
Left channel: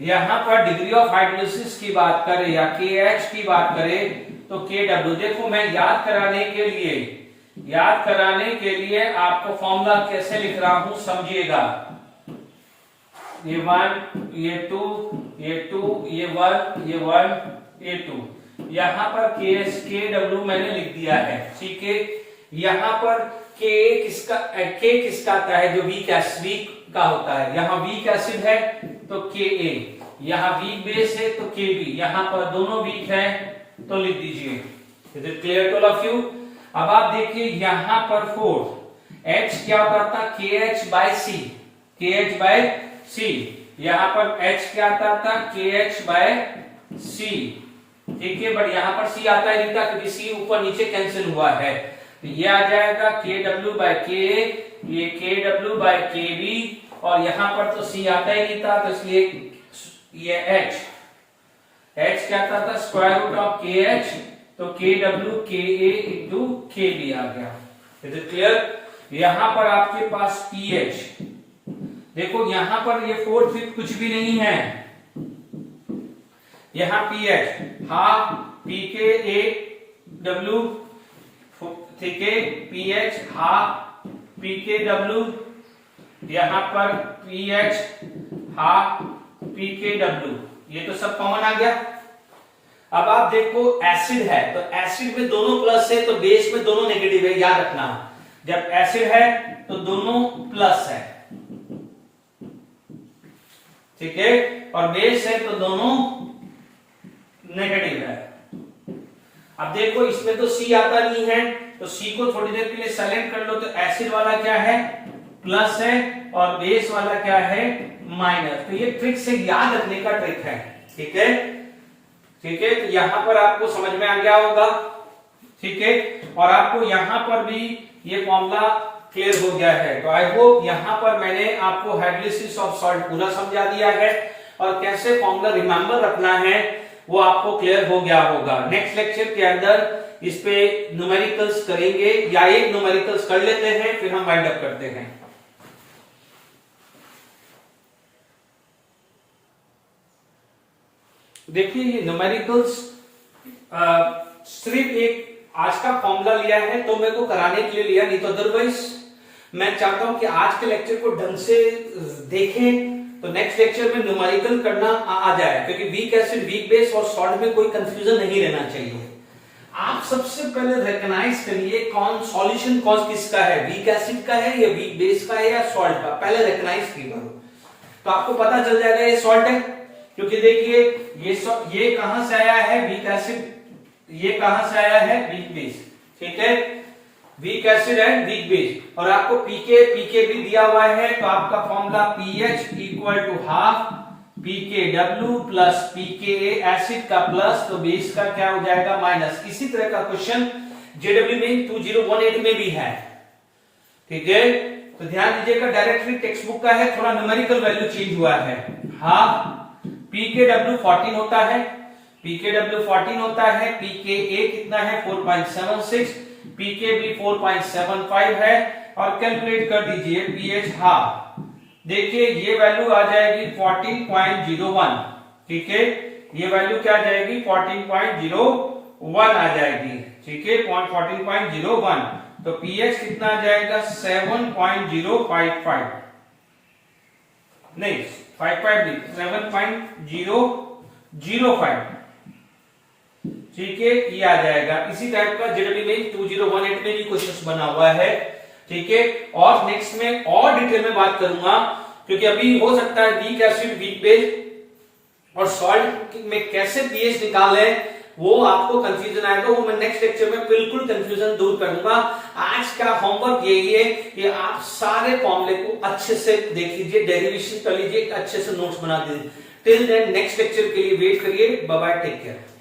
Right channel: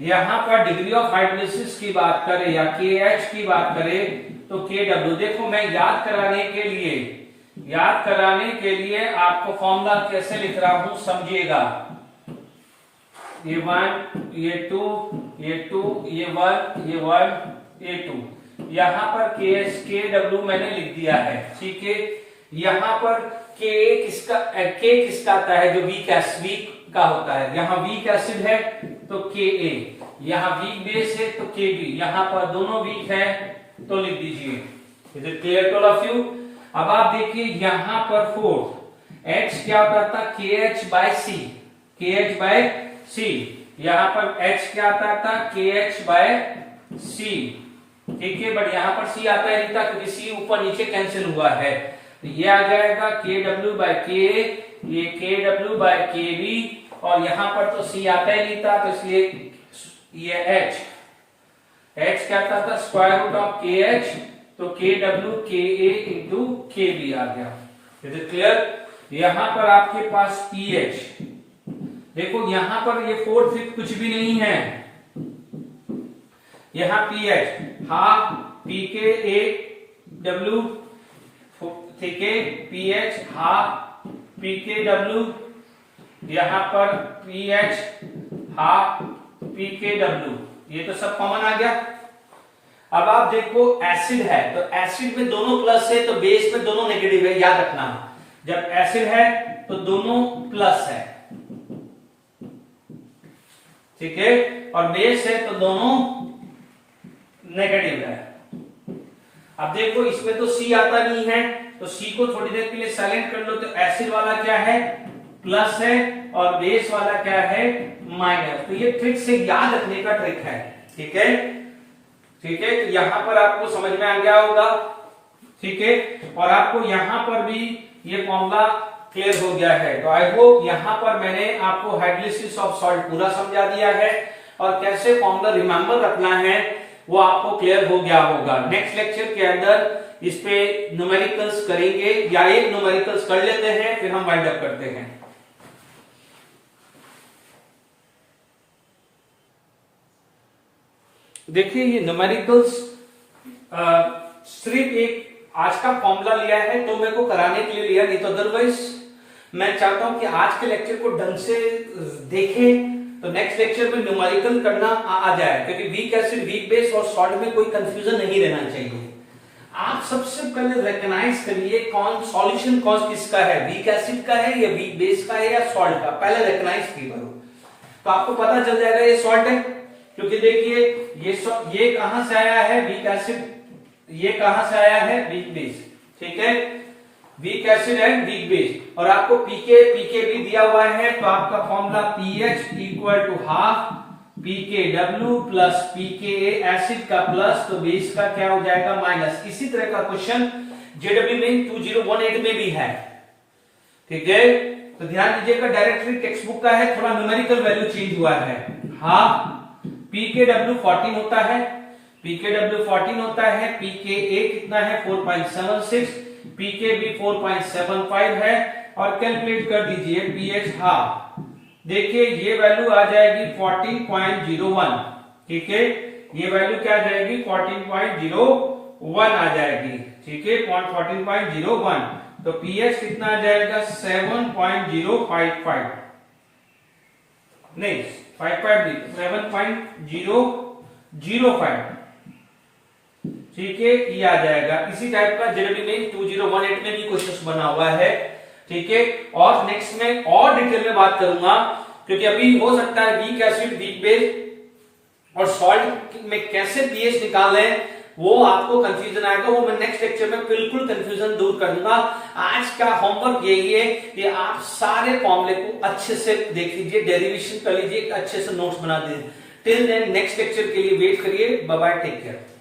यहां पर डिग्री ऑफ हाइड्रोलिसिस की बात करें या KH की बात करें तो KW, देखो मैं याद कराने के लिए आपको फॉर्मूला कैसे लिख रहा हूं समझिएगा। ये 1, ये 2, ये 2, ये 1, ये 1, ये 2, यहां पर KW मैंने लिख दिया है, ठीक है। यहां पर K किसका आता है, जो वीक का होता है, यहां वीक एसिड है तो Ka, यहां वीक बेस है तो Kb, यहां पर दोनों वीक है तो लिख दीजिए। Is it clear to all of you? अब आप देखिए यहां पर 4 H क्या आता था, KH बाय C, यहां पर H क्या आता था, KH बाय C, ठीक है। बट यहां पर C आता ही नहीं था क्योंकि C ऊपर नीचे कैंसिल हुआ है, तो ये आ जाएगा KW बाय K, ये KW बाय KB, और यहां पर तो C आता ही नहीं था तो इसलिए ये H क्या आता था, स्क्वायर रूट ऑफ KH, तो KW KA इंटू KB आ गया। Is it clear? यहां पर आपके पास pH, देखो यहां पर ये 4 5 कुछ भी नहीं है, यहां pH हाफ pKaW, ठीक है, pH हाफ pKw, यहां पर pH हाफ pKw, ये तो सब कॉमन आ गया। अब आप देखो एसिड है तो एसिड में दोनों प्लस है तो बेस में दोनों नेगेटिव है, याद रखना। जब एसिड है तो दोनों प्लस है, ठीक है, और बेस है तो दोनों नेगेटिव है। अब देखो इसमें तो C आता नहीं है तो C को थोड़ी देर के लिए साइलेंट कर लो, तो एसिड वाला क्या है, प्लस है, और बेस वाला क्या है, माइनस। तो ये ट्रिक से याद रखने का ट्रिक है, ठीक है, ठीक है। तो यहां पर आपको समझ में आ गया होगा, ठीक है, और आपको यहां पर भी ये फॉर्मूला क्लियर हो गया है। तो आई होप यहां पर मैंने आपको हाइड्रोलिसिस ऑफ सॉल्ट पूरा समझा दिया है और कैसे फॉर्मूला रिमेंबर रखना है वो आपको क्लियर हो गया होगा। नेक्स्ट लेक्चर के अंदर इस पे न्यूमेरिकल्स करेंगे, या एक न्यूमेरिकल्स कर लेते हैं फिर हम वाइंड अप करते हैं। देखिए ये न्यूमेरिकल्स सिर्फ एक आज का फॉर्मूला लिया है तो मेरे को कराने के लिए लिया, नहीं तो अदरवाइज मैं चाहता हूं कि आज के लेक्चर को ढंग से देखें, तो नेक्स्ट लेक्चर में न्यूमेरिकल करना आ जाए, क्योंकि वीक एसिड, वीक बेस और सॉल्ट में कोई कंफ्यूजन नहीं रहना चाहिए। आप सबसे पहले रिकॉग्नाइज करिए कौन सॉल्यूशन कौन किसका है, वीक एसिड का है या वीक बेस का है या सॉल्ट का, पहले रिकॉग्नाइज करो तो आपको पता चल जाएगा ये सॉल्ट है। क्योंकि देखिए ये कहां से आया है वीक एसिड, ये कहां से आया है वीक बेस, ठीक है, weak acid and weak base, और आपको पीके भी दिया हुआ है, तो आपका formula pH equal to half pKw plus pKa acid का प्लस, तो बेस का क्या हो जाएगा माइनस। इसी तरह का क्वेश्चन जेडब्ल्यू में 2018 में भी है, ठीक है, तो ध्यान दीजिएगा डायरेक्टली टेक्स्ट बुक का है, थोड़ा न्यूमेरिकल वैल्यू चेंज हुआ है। हाफ pKw 14 होता है, pKw 14 होता है, pKa कितना है 4.76, pKb 4.75 है, और कैलकुलेट कर दीजिए pH हाफ, देखिए ये वैल्यू आ जाएगी 14.01, ठीक है, ये वैल्यू क्या आ जाएगी 14.01 आ जाएगी, ठीक है, 14.01, तो pH कितना आ जाएगा 7.055, नहीं 55 नहीं 7.005, ठीक है, ये आ जाएगा। इसी टाइप का जेडब्ल्यू में 2018 में भी क्वेश्चन बना हुआ है, ठीक है, और नेक्स्ट में और डिटेल में बात करूंगा, क्योंकि अभी हो सकता है वीक एसिड, वीक बेस और सॉल्ट में कैसे पीएच निकाले वो आपको कंफ्यूजन आएगा, वो मैं नेक्स्ट लेक्चर में बिल्कुल कंफ्यूजन दूर कर दूंगा। आज का होमवर्क यही है कि आप सारे फॉर्मूले को अच्छे से देख लीजिए, डेरिवेशन कर लीजिए, अच्छे से नोट्स बना दीजिए। टिल देन नेक्स्ट लेक्चर के लिए वेट करिए। Bye bye, take care.